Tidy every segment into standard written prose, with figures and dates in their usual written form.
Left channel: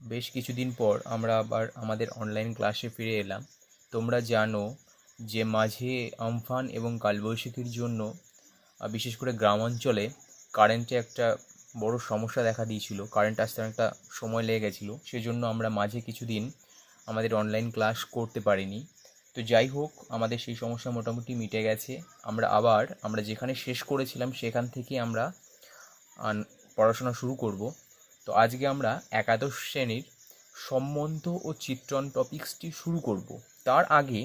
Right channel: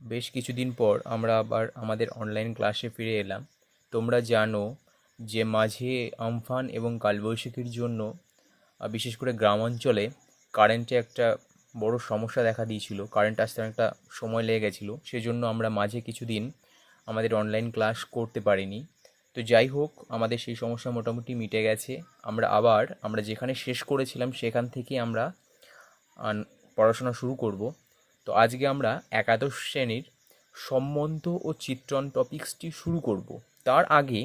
বেশ কিছুদিন পর আমরা আবার আমাদের অনলাইন ক্লাসে ফিরে এলাম। তোমরা জানো যে মাঝে আমফান এবং কালবৈশাখীর জন্য বিশেষ করে গ্রামাঞ্চলে কারেন্টে একটা বড় সমস্যা দেখা দিয়েছিল। কারেন্ট আসতে অনেকটা সময় লেগে গেছিলো, সেজন্য আমরা মাঝে কিছুদিন আমাদের অনলাইন ক্লাস করতে পারিনি। তো যাই হোক, আমাদের সেই সমস্যা মোটামুটি মিটে গেছে। আমরা যেখানে শেষ করেছিলাম সেখান থেকে আমরা পড়াশোনা শুরু করব। তো আজকে আমরা একাদশ শ্রেণীর সম্বন্ধ ও চিত্রণ টপিক্সটি শুরু করব। তার আগে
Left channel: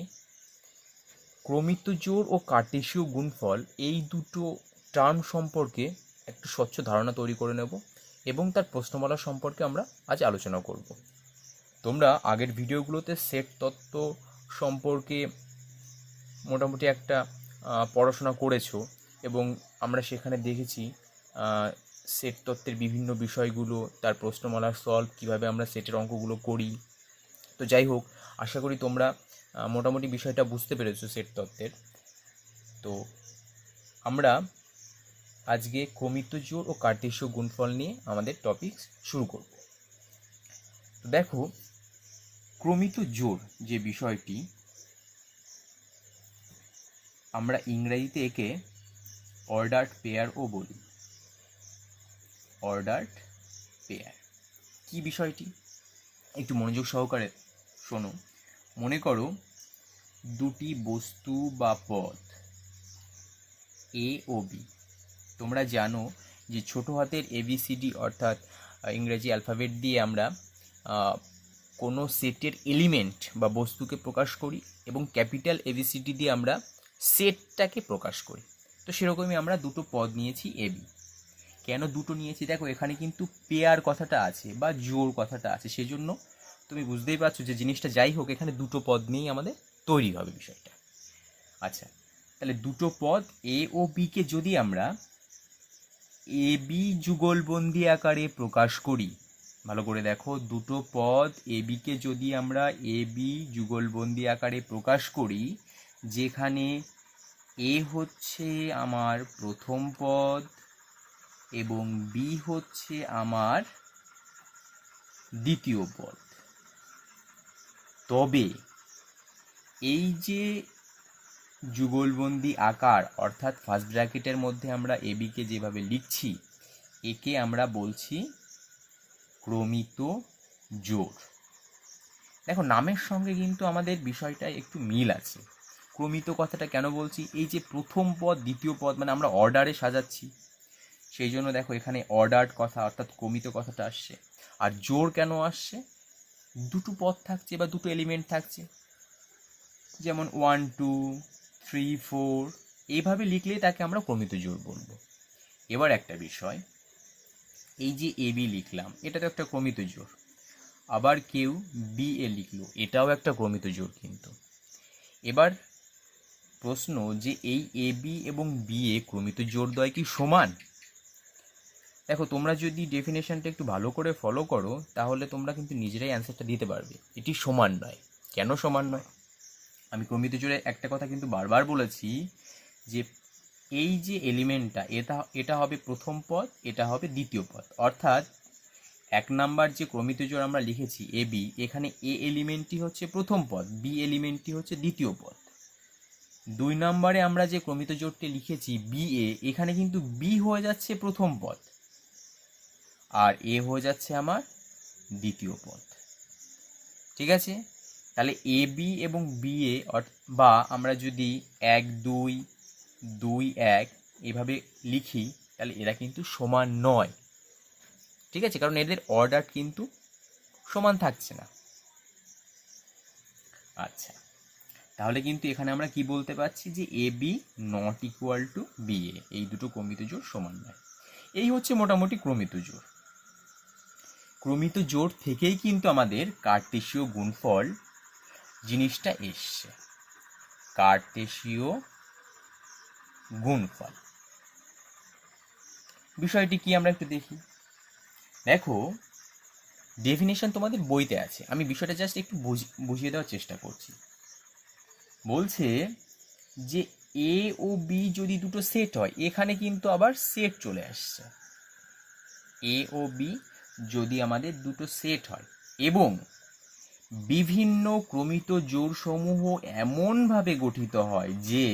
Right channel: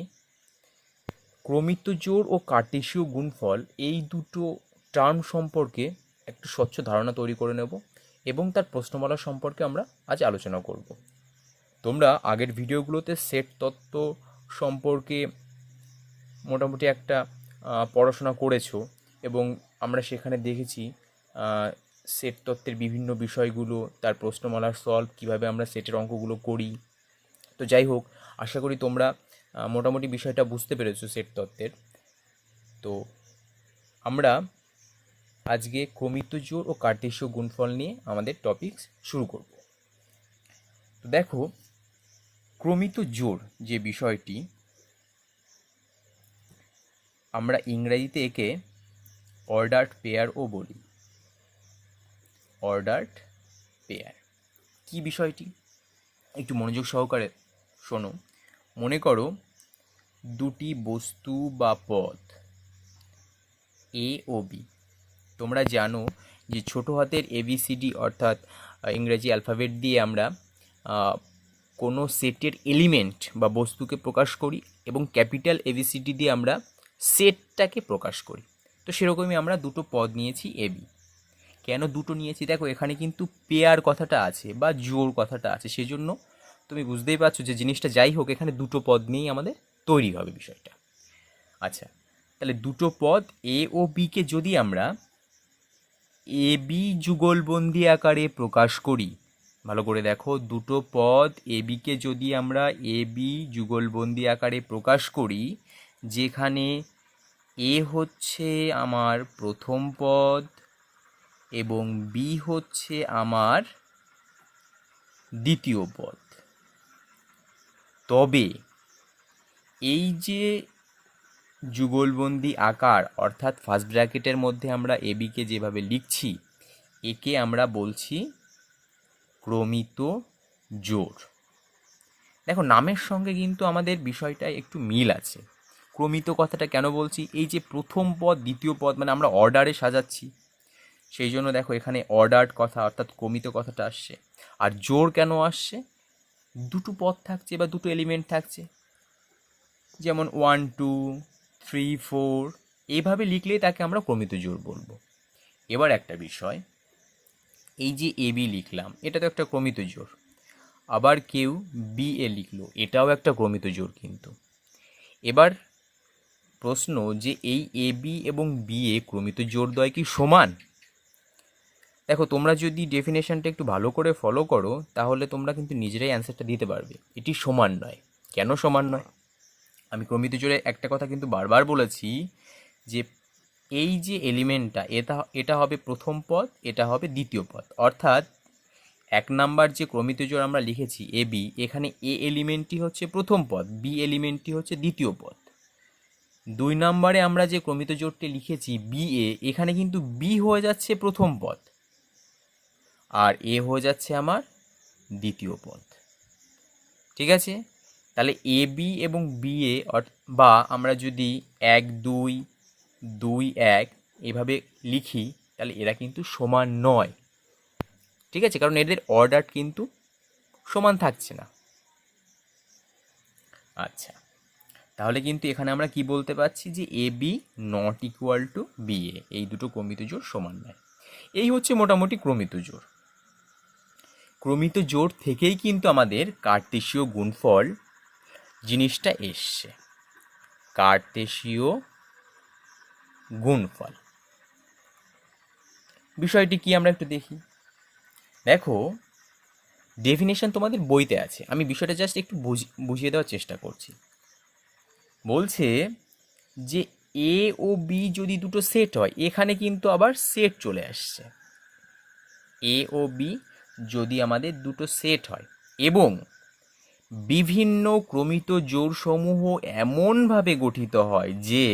ক্রমিত জোড় ও কার্টেসীয় গুণফল এই দুটো টার্ম সম্পর্কে একটু স্বচ্ছ ধারণা তৈরি করে নেব এবং তার প্রশ্নমালা সম্পর্কে আমরা আজ আলোচনা করব। তোমরা আগের ভিডিওগুলোতে সেট তত্ত্ব সম্পর্কে মোটামুটি একটা পড়াশোনা করেছো এবং আমরা সেখানে দেখেছি সেট তত্ত্বের বিভিন্ন বিষয়গুলো, তার প্রশ্নমালার সলভ, কীভাবে আমরা সেটের অঙ্কগুলো করি। তো যাই হোক, আশা করি তোমরা মোটামুটি বিষয়টা বুঝতে পেরেছো সেট তত্ত্বের। তো আমরা আজকে ক্রমিত জোড় ও কার্টেসীয় গুণফল নিয়ে আমাদের টপিক শুরু করব। দেখো, ক্রমিত জোড় যে বিষয়টি, আমরা ইংরেজিতে একে অর্ডার্ড পেয়ারও বলি। অর্ডার্ড পেয়ার কি বিষয়টি একটু মনোযোগ সহকারে শোনো। মনে করো দুটি বস্তু বা পদ এ ও বি। তোমরা জানো যে ছোট হাতের ABCD অর্থাৎ ইংরেজি অ্যালফাবেট দিয়ে আমরা কোনো সেটের এলিমেন্ট বা বস্তুকে প্রকাশ করি এবং ক্যাপিটাল ABCD দিয়ে আমরা সেটটাকে প্রকাশ করি। তো সেরকমই আমরা দুটো পদ নিয়েছি এবি। কেন দুটো নিয়েছি? দেখো, এখানে কিন্তু পেয়ার কথাটা আছে বা জোড় কথাটা আছে, সেজন্য তুমি বুঝতেই পারছো যে জিনিসটা যাই হোক এখানে দুটো পদ নিয়েই আমাদের তৈরি হবে বিষয়টা। আচ্ছা, তাহলে দুটো পদ এ ও বিকে যদি আমরা এ বি যুগলবন্দি আকারে প্রকাশ করি, ভালো করে দেখো, দুটো পদ এ বিকে যদি আমরা এ বি যুগলবন্দি আকারে প্রকাশ করি, যেখানে এ হচ্ছে আমার প্রথম পদ এবং বি হচ্ছে আমার দ্বিতীয় পদ, তবে এই যে যুগলবন্দি আকার অর্থাৎ ফার্স্ট ব্র্যাকেটের মধ্যে আমরা এবিকে যেভাবে লিখছি, একে আমরা বলছি ক্রমিত জোড়। দেখো, নামের সঙ্গে কিন্তু আমাদের বিষয়টায় একটু মিল আছে। ক্রমিত কথাটা কেন বলছি? এই যে প্রথম পদ দ্বিতীয় পদ মানে আমরা অর্ডারে সাজাচ্ছি, সেই জন্য দেখো এখানে অর্ডার্ড কথা অর্থাৎ ক্রমিত কথাটা আসছে। আর জোড় কেন আসছে? দুটো পদ থাকছে বা দুটো এলিমেন্ট থাকছে, যেমন 1 2 3 4 এইভাবে লিখলে তাকে আমরা ক্রমিত জোড় বলবো। এবার একটা বিষয়, এই যে এ বি লিখলাম, এটা তো একটা ক্রমিত জোড়। আবার কেউ বি এ লিখলো, এটাও একটা ক্রমিত জোড়। কিন্তু এবার প্রশ্ন যে এই এ বি এবং বি এ ক্রমিত জোড়দ্বয় কি সমান? দেখো, তোমরা যদি ডেফিনেশনটা একটু ভালো করে ফলো করো তাহলে তোমরা কিন্তু নিজেরাই অ্যান্সারটা দিতে পারবে। এটি সমান নয়। কেন সমান নয়? আমি ক্রমিত জোড়ে একটা কথা কিন্তু বারবার বলেছি যে এই যে এলিমেন্টটা, এটা হবে প্রথম পদ, এটা হবে দ্বিতীয় পদ। অর্থাৎ 1 নাম্বার যে ক্রমিত জোড় আমরা লিখেছি এ বি, এখানে এ এলিমেন্টটি হচ্ছে প্রথম পদ, বি এলিমেন্টটি হচ্ছে দ্বিতীয় পদ। 2 নম্বরে আমরা যে ক্রমিত জোড়টি লিখেছি বি এ, এখানে কিন্তু বি হয়ে যাচ্ছে প্রথম পদ আর এ হয়ে যাচ্ছে আমার দ্বিতীয় পদ। ঠিক আছে? তাহলে এ বি এবং বি এ বা আমরা যদি 1 2 2 1 এভাবে লিখি, তাহলে এরা কিন্তু সমান নয়। ঠিক আছে? কারণ এদের অর্ডার কিন্তু সমান থাকছে না। আচ্ছা, তাহলে কিন্তু এখানে আমরা কি বলতে পারছি যে A B not equal to B A, এই দুটো ক্রমিত জোড় সমান নয়। এই হচ্ছে মোটামুটি ক্রমিত জোড়। ক্রমিত জোড় থেকেই কিন্তু আমাদের কার্টেসীয় গুণফল জিনিসটা এসছে। কার্টেসীয় গুণফল বিষয়টি কি আমরা একটু দেখি। দেখো, ডেফিনেশন তোমাদের বইতে আছে, আমি বিষয়টা জাস্ট একটু বুঝিয়ে দেওয়ার চেষ্টা করছি। বলছে যে এ ও বি যদি দুটো সেট হয়, এখানে কিন্তু আবার সেট চলে আসছে। এ ও বি যদি আমাদের দুটো সেট হয়, এবং বিভিন্ন ক্রমিত জোড়সমূহ এমনভাবে গঠিত হয় যে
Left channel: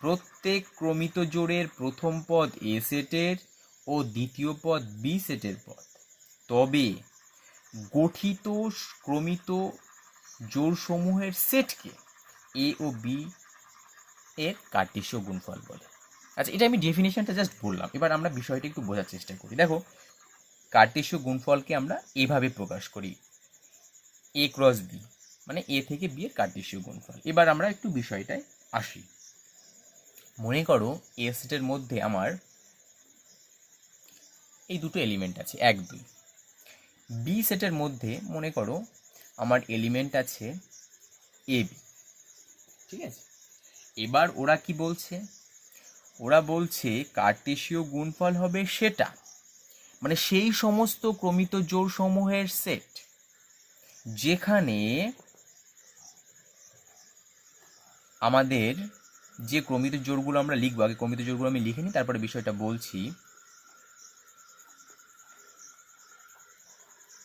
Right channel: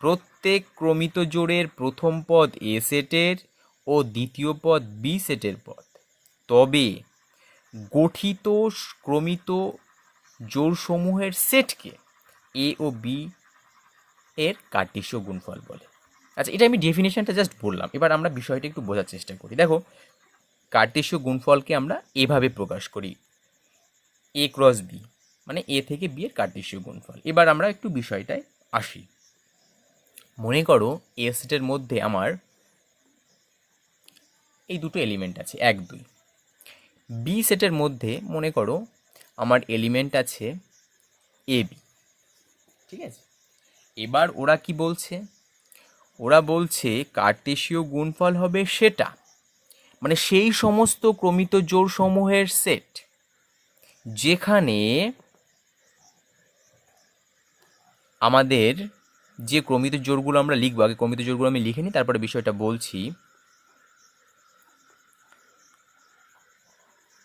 প্রত্যেক ক্রমিত জোড়ের প্রথম পদ এ সেটের ও দ্বিতীয় পদ বি সেটের পদ, তবে গঠিত ক্রমিত জোড়সমূহের সেটকে এ ও বি এর কার্টেশীয় গুণফল বলে। আচ্ছা, এটা আমি ডেফিনেশনটা জাস্ট বললাম, এবার আমরা বিষয়টা একটু বোঝার চেষ্টা করি। দেখো, কার্টেশীয় গুণফলকে আমরা এভাবে প্রকাশ করি, এ ক্রস বি, মানে এ থেকে বি এর কার্টেশীয় গুণফল। এবার আমরা একটু বিষয়টায় আসি। মনে করো এ সেটের মধ্যে আমার এই দুটো এলিমেন্ট আছে, 1 2। বি সেটের মধ্যে মনে করো আমার এলিমেন্ট আছে এ বি, ঠিক আছে। এবার ওরা কি বলছে? ওরা বলছে কার্টেশীয় গুণফল হবে সেটা, মানে সেই সমস্ত ক্রমিত জোড়সমূহের সেট যেখানে আমাদের যে ক্রমিত জোড়গুলো আমরা লিখবো, আগে ক্রমিত জোড়গুলো আমি লিখে নিই, তারপরে বিষয়টা বলছি।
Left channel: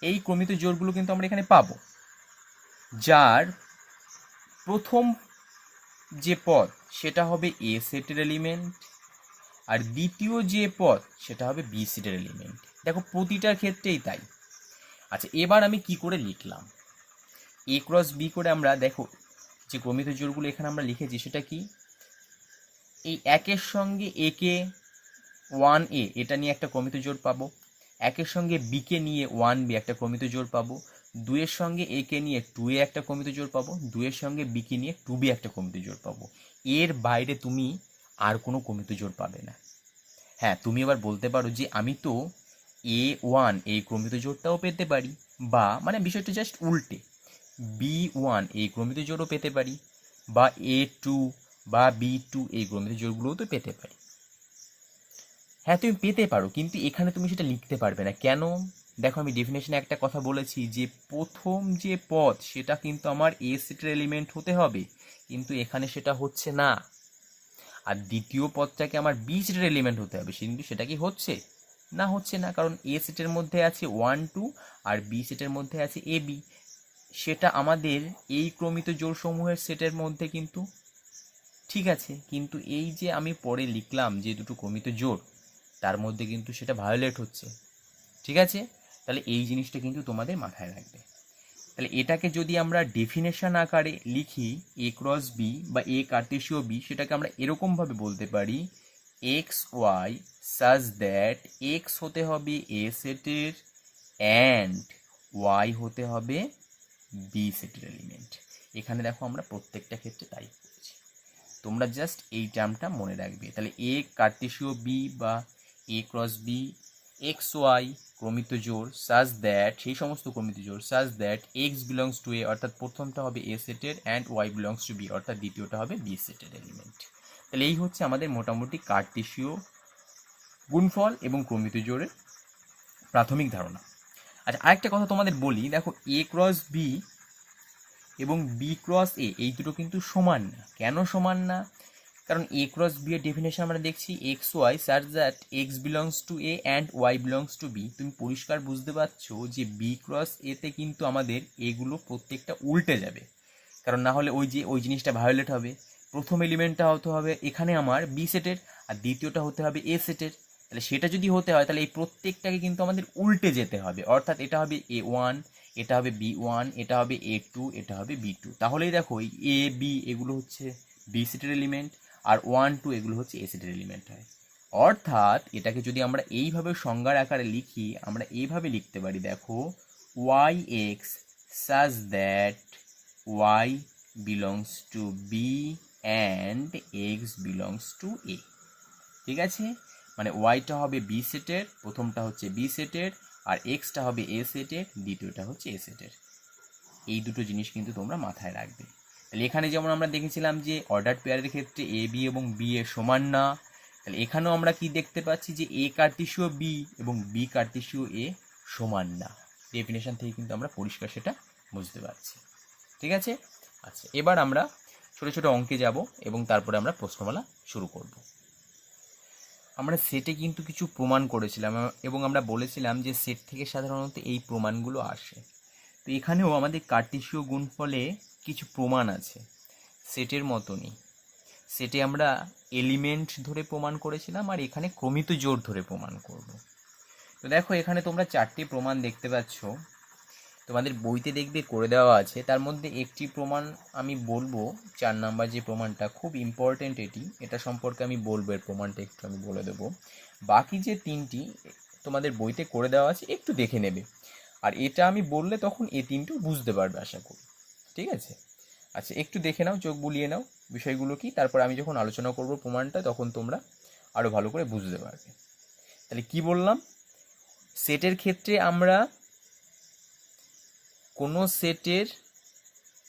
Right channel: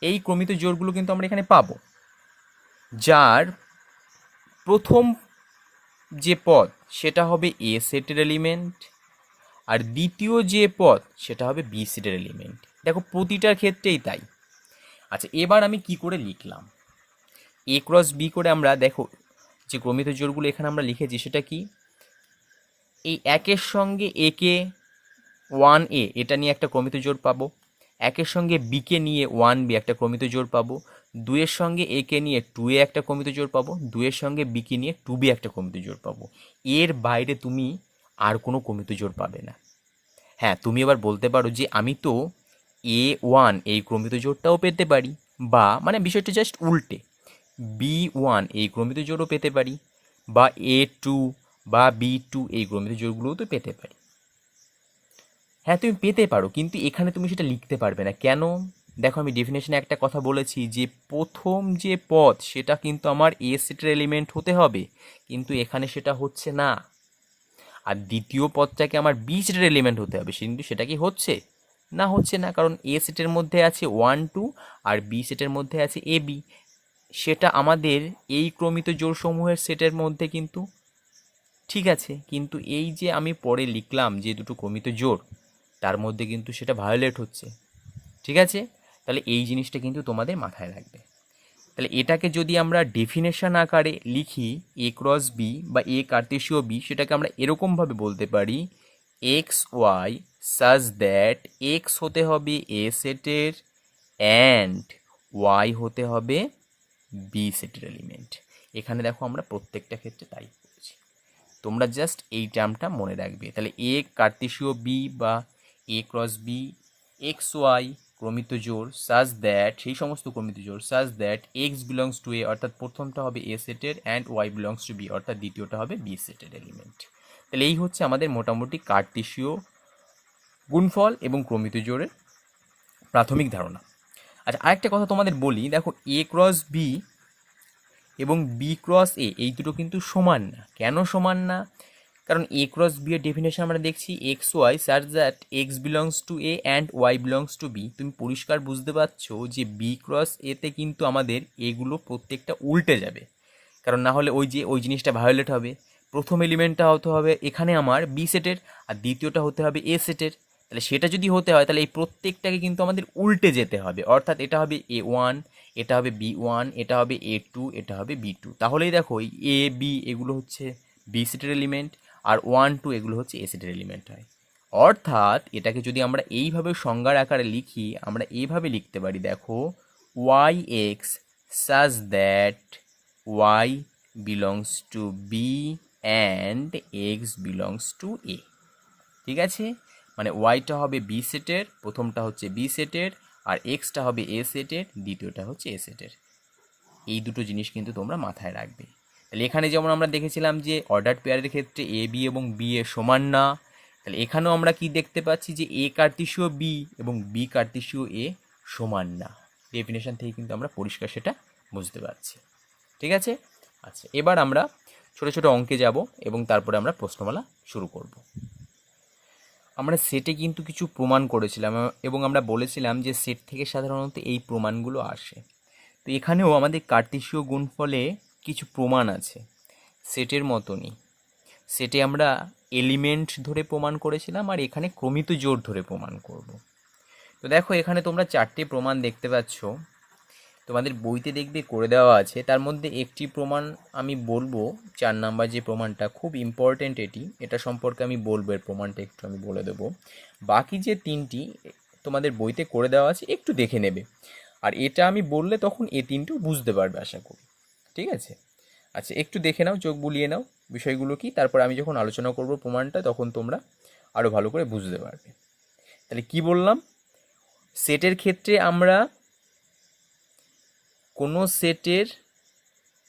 এই ক্রমিত জোড়গুলো কিন্তু আমরা এখানে পাবো, যার প্রথম যে পদ সেটা হবে এ সেটের এলিমেন্ট, আর দ্বিতীয় যে পদ সেটা হবে বি সেটের এলিমেন্ট। দেখো, প্রতিটার ক্ষেত্রেই তাই। আচ্ছা, এবার আমি কি করে লিখলাম? এ ক্রস বি করে আমরা, দেখো যে ক্রমিত জোড়গুলো এখানে আমরা লিখেছি সেটা কি, এই একের সঙ্গে এ কে 1a এটা নিয়ে একটা ক্রমিত জোড় পাবো, একের সঙ্গে বি কে নিয়ে 1b একটা ক্রমিত জোড় পাবো, 2 এর সঙ্গে এ কে নিয়ে 2a একটা ক্রমিত জোড় পাবো, 2 এর সঙ্গে বি কে নিয়ে 2b একটা ক্রমিত জোড় পাবো। এর বাইরে তুমি আর কোনো ক্রমিত জোড় পাবে না। হ্যাঁ, তুমি এবার বলতে পারো যে আমি তো A1 এই ক্রমিত জোড়টাও পেতে পারি, বা মানে বিষয়টা জাস্ট উল্টে, B1 এই ক্রমিত জোড়ও পেতে পারি, বা A2 বা B2 এই ক্রমিত জোড়গুলোও তো পেতে পারি। হ্যাঁ, তুমি পেতে পারো, কিন্তু এখানে তুমি সেটা লিখতে পারবে না। কেন? দেখো, আমি ডেফিনেশনে একটা কথা বলেছি যে প্রথম যে পদ সেটা কিন্তু আমার এ সেটের এলিমেন্ট হতে হবে, কিন্তু এখানে সেটা হচ্ছে না। আর দ্বিতীয় পদটাকে আমার বি সেটের এলিমেন্ট হতে হবে, কিন্তু সেটা কি হচ্ছে না? হচ্ছে না, কারণ এ সেটের মধ্যে আছে 1 2 আর বি সেটের মধ্যে আছে এ বি। সেটা আমাদের এই ক্রমিত জোড়সমূহের সেটের মধ্যে কিন্তু ঠিক আছে, কিন্তু এই যে আমি পরে লিখলাম যে দুটো ক্রমিত জোড়, তার মধ্যে কিন্তু সেটা ভায়োলেট হচ্ছে। ঠিক আছে, তাহলে এই জিনিসটা কিন্তু তোমাদের মাথায় রাখবে। তাহলে এটাকে যদি আমরা ডেফিনেশন আকারে লিখি, এ ক্রস বি বা এ কার্টেশীয় বি, সেটাকে আমরা এরকমভাবে বলতে পারি, x y such that x হতে হবে এ সেটের অ্যান্ড ওয়াই হতে হবে বি সেটের এলিমেন্ট। এখানে দেখো আমরা প্রত্যেকটা ক্ষেত্রে তাই করেছি। তোমরা জাস্ট এই টার্মটা মনে রাখবে। তাহলে এ কার্টেশীয় বি বা A cross B X Y ক্রমিত জোড় সাজ দ্যাট, সেই সমস্ত ক্রমিত জোড় such that x belongs to A, অর্থাৎ প্রথমটা হবে এ সেটের, and Y belongs to B, অর্থাৎ দ্বিতীয়টা হবে বি সেটের এলিমেন্ট। তাহলে এই হচ্ছে আমাদের মোটামুটি কার্টেশীয় গুণফল এবং ক্রমিত জোড়ের প্রাথমিক ধারণা। আচ্ছা, আরেকটা কথা তোমাদের বলি, দেখো এ ক্রস বি এবং বি ক্রস এ এই দুটো কিন্তু সমান না। কেন সমান না? কারণ এ ক্রস বি এর ডেফিনেশন আমরা দেখছি x y such that x belongs to A and Y belongs to B. তুমি পরিষ্কার বুঝতে পারছো যে বি ক্রস এতে কিন্তু আমাদের এগুলো প্রত্যেকটা উল্টে যাবে, কারণ না হলে ওই জিনিসটা ভায়োলেট হবে। প্রথম এলিমেন্টটা হতে হবে এখানে আমার বি সেটের, আর দ্বিতীয়টা হতে হবে এ সেটের। তাহলে সেটা যদি হতে হয় তাহলে এই প্রত্যেকটাকে কিন্তু আমাদের উল্টে যেতে হবে, অর্থাৎ এটা হবে A1, এটা হবে B1, এটা হবে A2, এটা হবে B2। তাহলেই দেখো এই এ বি এগুলো হচ্ছে বি সেটের এলিমেন্ট, আর 1 2 এগুলো হচ্ছে এ সেটের এলিমেন্ট হয়। অর্থাৎ এটাকে যদি আমরা এইভাবে সংজ্ঞার আকারে লিখি, আমরা এইভাবে লিখতে পারি, দেখো Y x such that Y belongs to B and x belongs to A. ঠিক আছে, মানে ওয়াইটা হবে বি সেটের, প্রথমটা হচ্ছে বি সেটের, আর এক্সটা হবে এ সেটের, দ্বিতীয়টা হচ্ছে এ সেটের। এই দুটো জিনিস কিন্তু তোমরা মাথায় রাখবে। তাহলে এখানে যেমন আমরা দেখেছিলাম যে অর্ডার পেয়ারের ক্ষেত্রে এ বি এবং বি এ সমান না, তাহলে এখানেও আমরা কি দেখতে পাচ্ছি যে এ কার্টেশীয় বি এবং বি কার্টেশীয় এ সমান না। ডেফিনেশন থেকে কিন্তু আমরা পরিষ্কার সেটা বুঝতে পারছি। ঠিক আছে, আচ্ছা, এবার আমরা ছোটো ছোটো অঙ্কে যাব এবং তারপরে আমরা প্রশ্নমালা শুরু করব। আমরা সেটে কিন্তু কিছু প্রমাণ করেছিলাম এবং আমরা বলেছিলাম যে সেট থেকে সাধারণত এই প্রমাণগুলো আসে। তো এখানেও আমাদের কার্টেশীয় গুণফলে কিছু প্রমাণ আছে, সেটের মতনই। সেটে আমরা এলিমেন্ট ধরে প্রমাণ করেছিলাম, আর এখানে ক্রমিত জোড় ধরে প্রমাণ করব। তো দেখো এখানে তোমরা 4টে প্রমাণ দেখতে পাচ্ছ, তোমাদের বইতে দেখবে করে দেওয়া আছে। তার মধ্যে একটি প্রমাণ আমি বলবো, 4 নাম্বার যে প্রমাণটা, খুব ইম্পর্টেন্ট এটা সম্পর্কে আমি বলবো, এর প্রমাণটা একটু আমি বলে দেবো। বাকি যে 3টি তোমাদের বইতে করে দেওয়া আছে, একটু দেখে নেবে। আর এটা আমি বললে তখন এই 3টিও বুঝতে পারবে আশা করি, ঠিক আছে? আচ্ছা, একটু দেখে নাও, চোখ বুলিয়ে নাও বিষয়গুলো কি, তারপর আমি যখন আলোচনা করব প্রমাণটা তখন তোমরা আরও ভালো করে বুঝতে পারবে। তাহলে কি বললাম, সেটের ক্ষেত্রে আমরা কোনো সেটের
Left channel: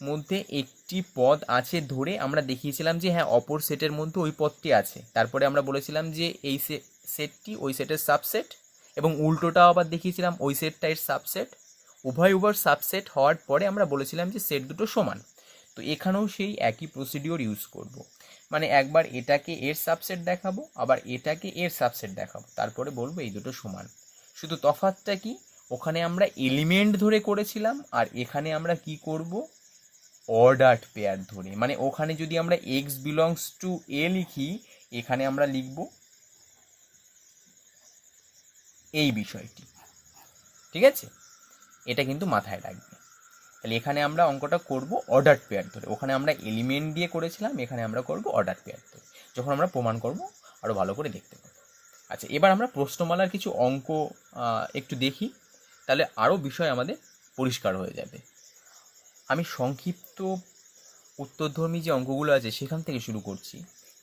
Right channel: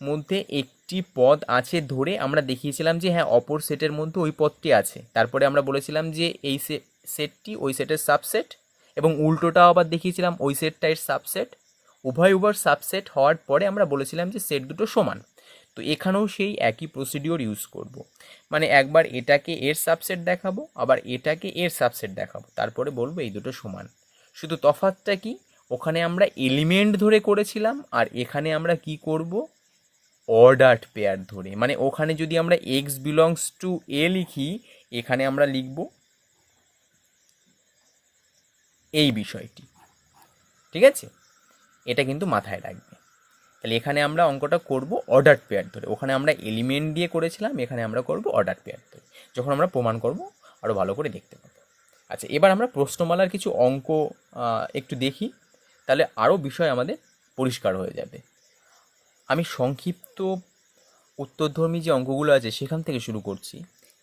মধ্যে একটি পদ আছে ধরে আমরা দেখিয়েছিলাম যে হ্যাঁ অপর সেটের মধ্যে ওই পদটি আছে। তারপরে আমরা বলেছিলাম যে এই সেটটি ওই সেটের সাবসেট, এবং উল্টোটাও আবার দেখিয়েছিলাম ওই সেটটা এর সাবসেট। উভয় সাবসেট হওয়ার পরে আমরা বলেছিলাম যে সেট দুটো সমান। তো এখানেও সেই একই প্রসিডিওর ইউজ করব, মানে একবার এটাকে এর সাবসেট দেখাবো, আবার এটাকে এর সাবসেট দেখাবো, তারপরে বলবো এই দুটো সমান। শুধু তফাৎটা কি, ওখানে আমরা এলিমেন্ট ধরে করেছিলাম, আর এখানে আমরা কি করব, অর্ডার্ড পেয়ার ধরে। মানে ওখানে যদি আমরা এক্স বিলংস টু এ লিখি, এখানে আমরা লিখব এই বিষয়টি, ঠিক আছে? এটা কিন্তু মাথায় রাখবে। তাহলে এখানে আমরা অঙ্কটা করব অর্ডার পেয়ার ধরে, ওখানে আমরা এলিমেন্ট দিয়ে করেছিলাম, এখানে আমরা করব অর্ডার পেয়ার ধরে। যখন আমরা প্রমাণ করব আরও ভালো করে দেখতে পাবো। আচ্ছা, এবার আমরা প্রশ্নমালার কিছু অঙ্ক একটু দেখি, তাহলে আরও বিষয় আমাদের পরিষ্কার হয়ে যাবে। আমি সংক্ষিপ্ত উত্তরধর্মী যে অঙ্কগুলো আছে সেখান থেকে শুরু করছি।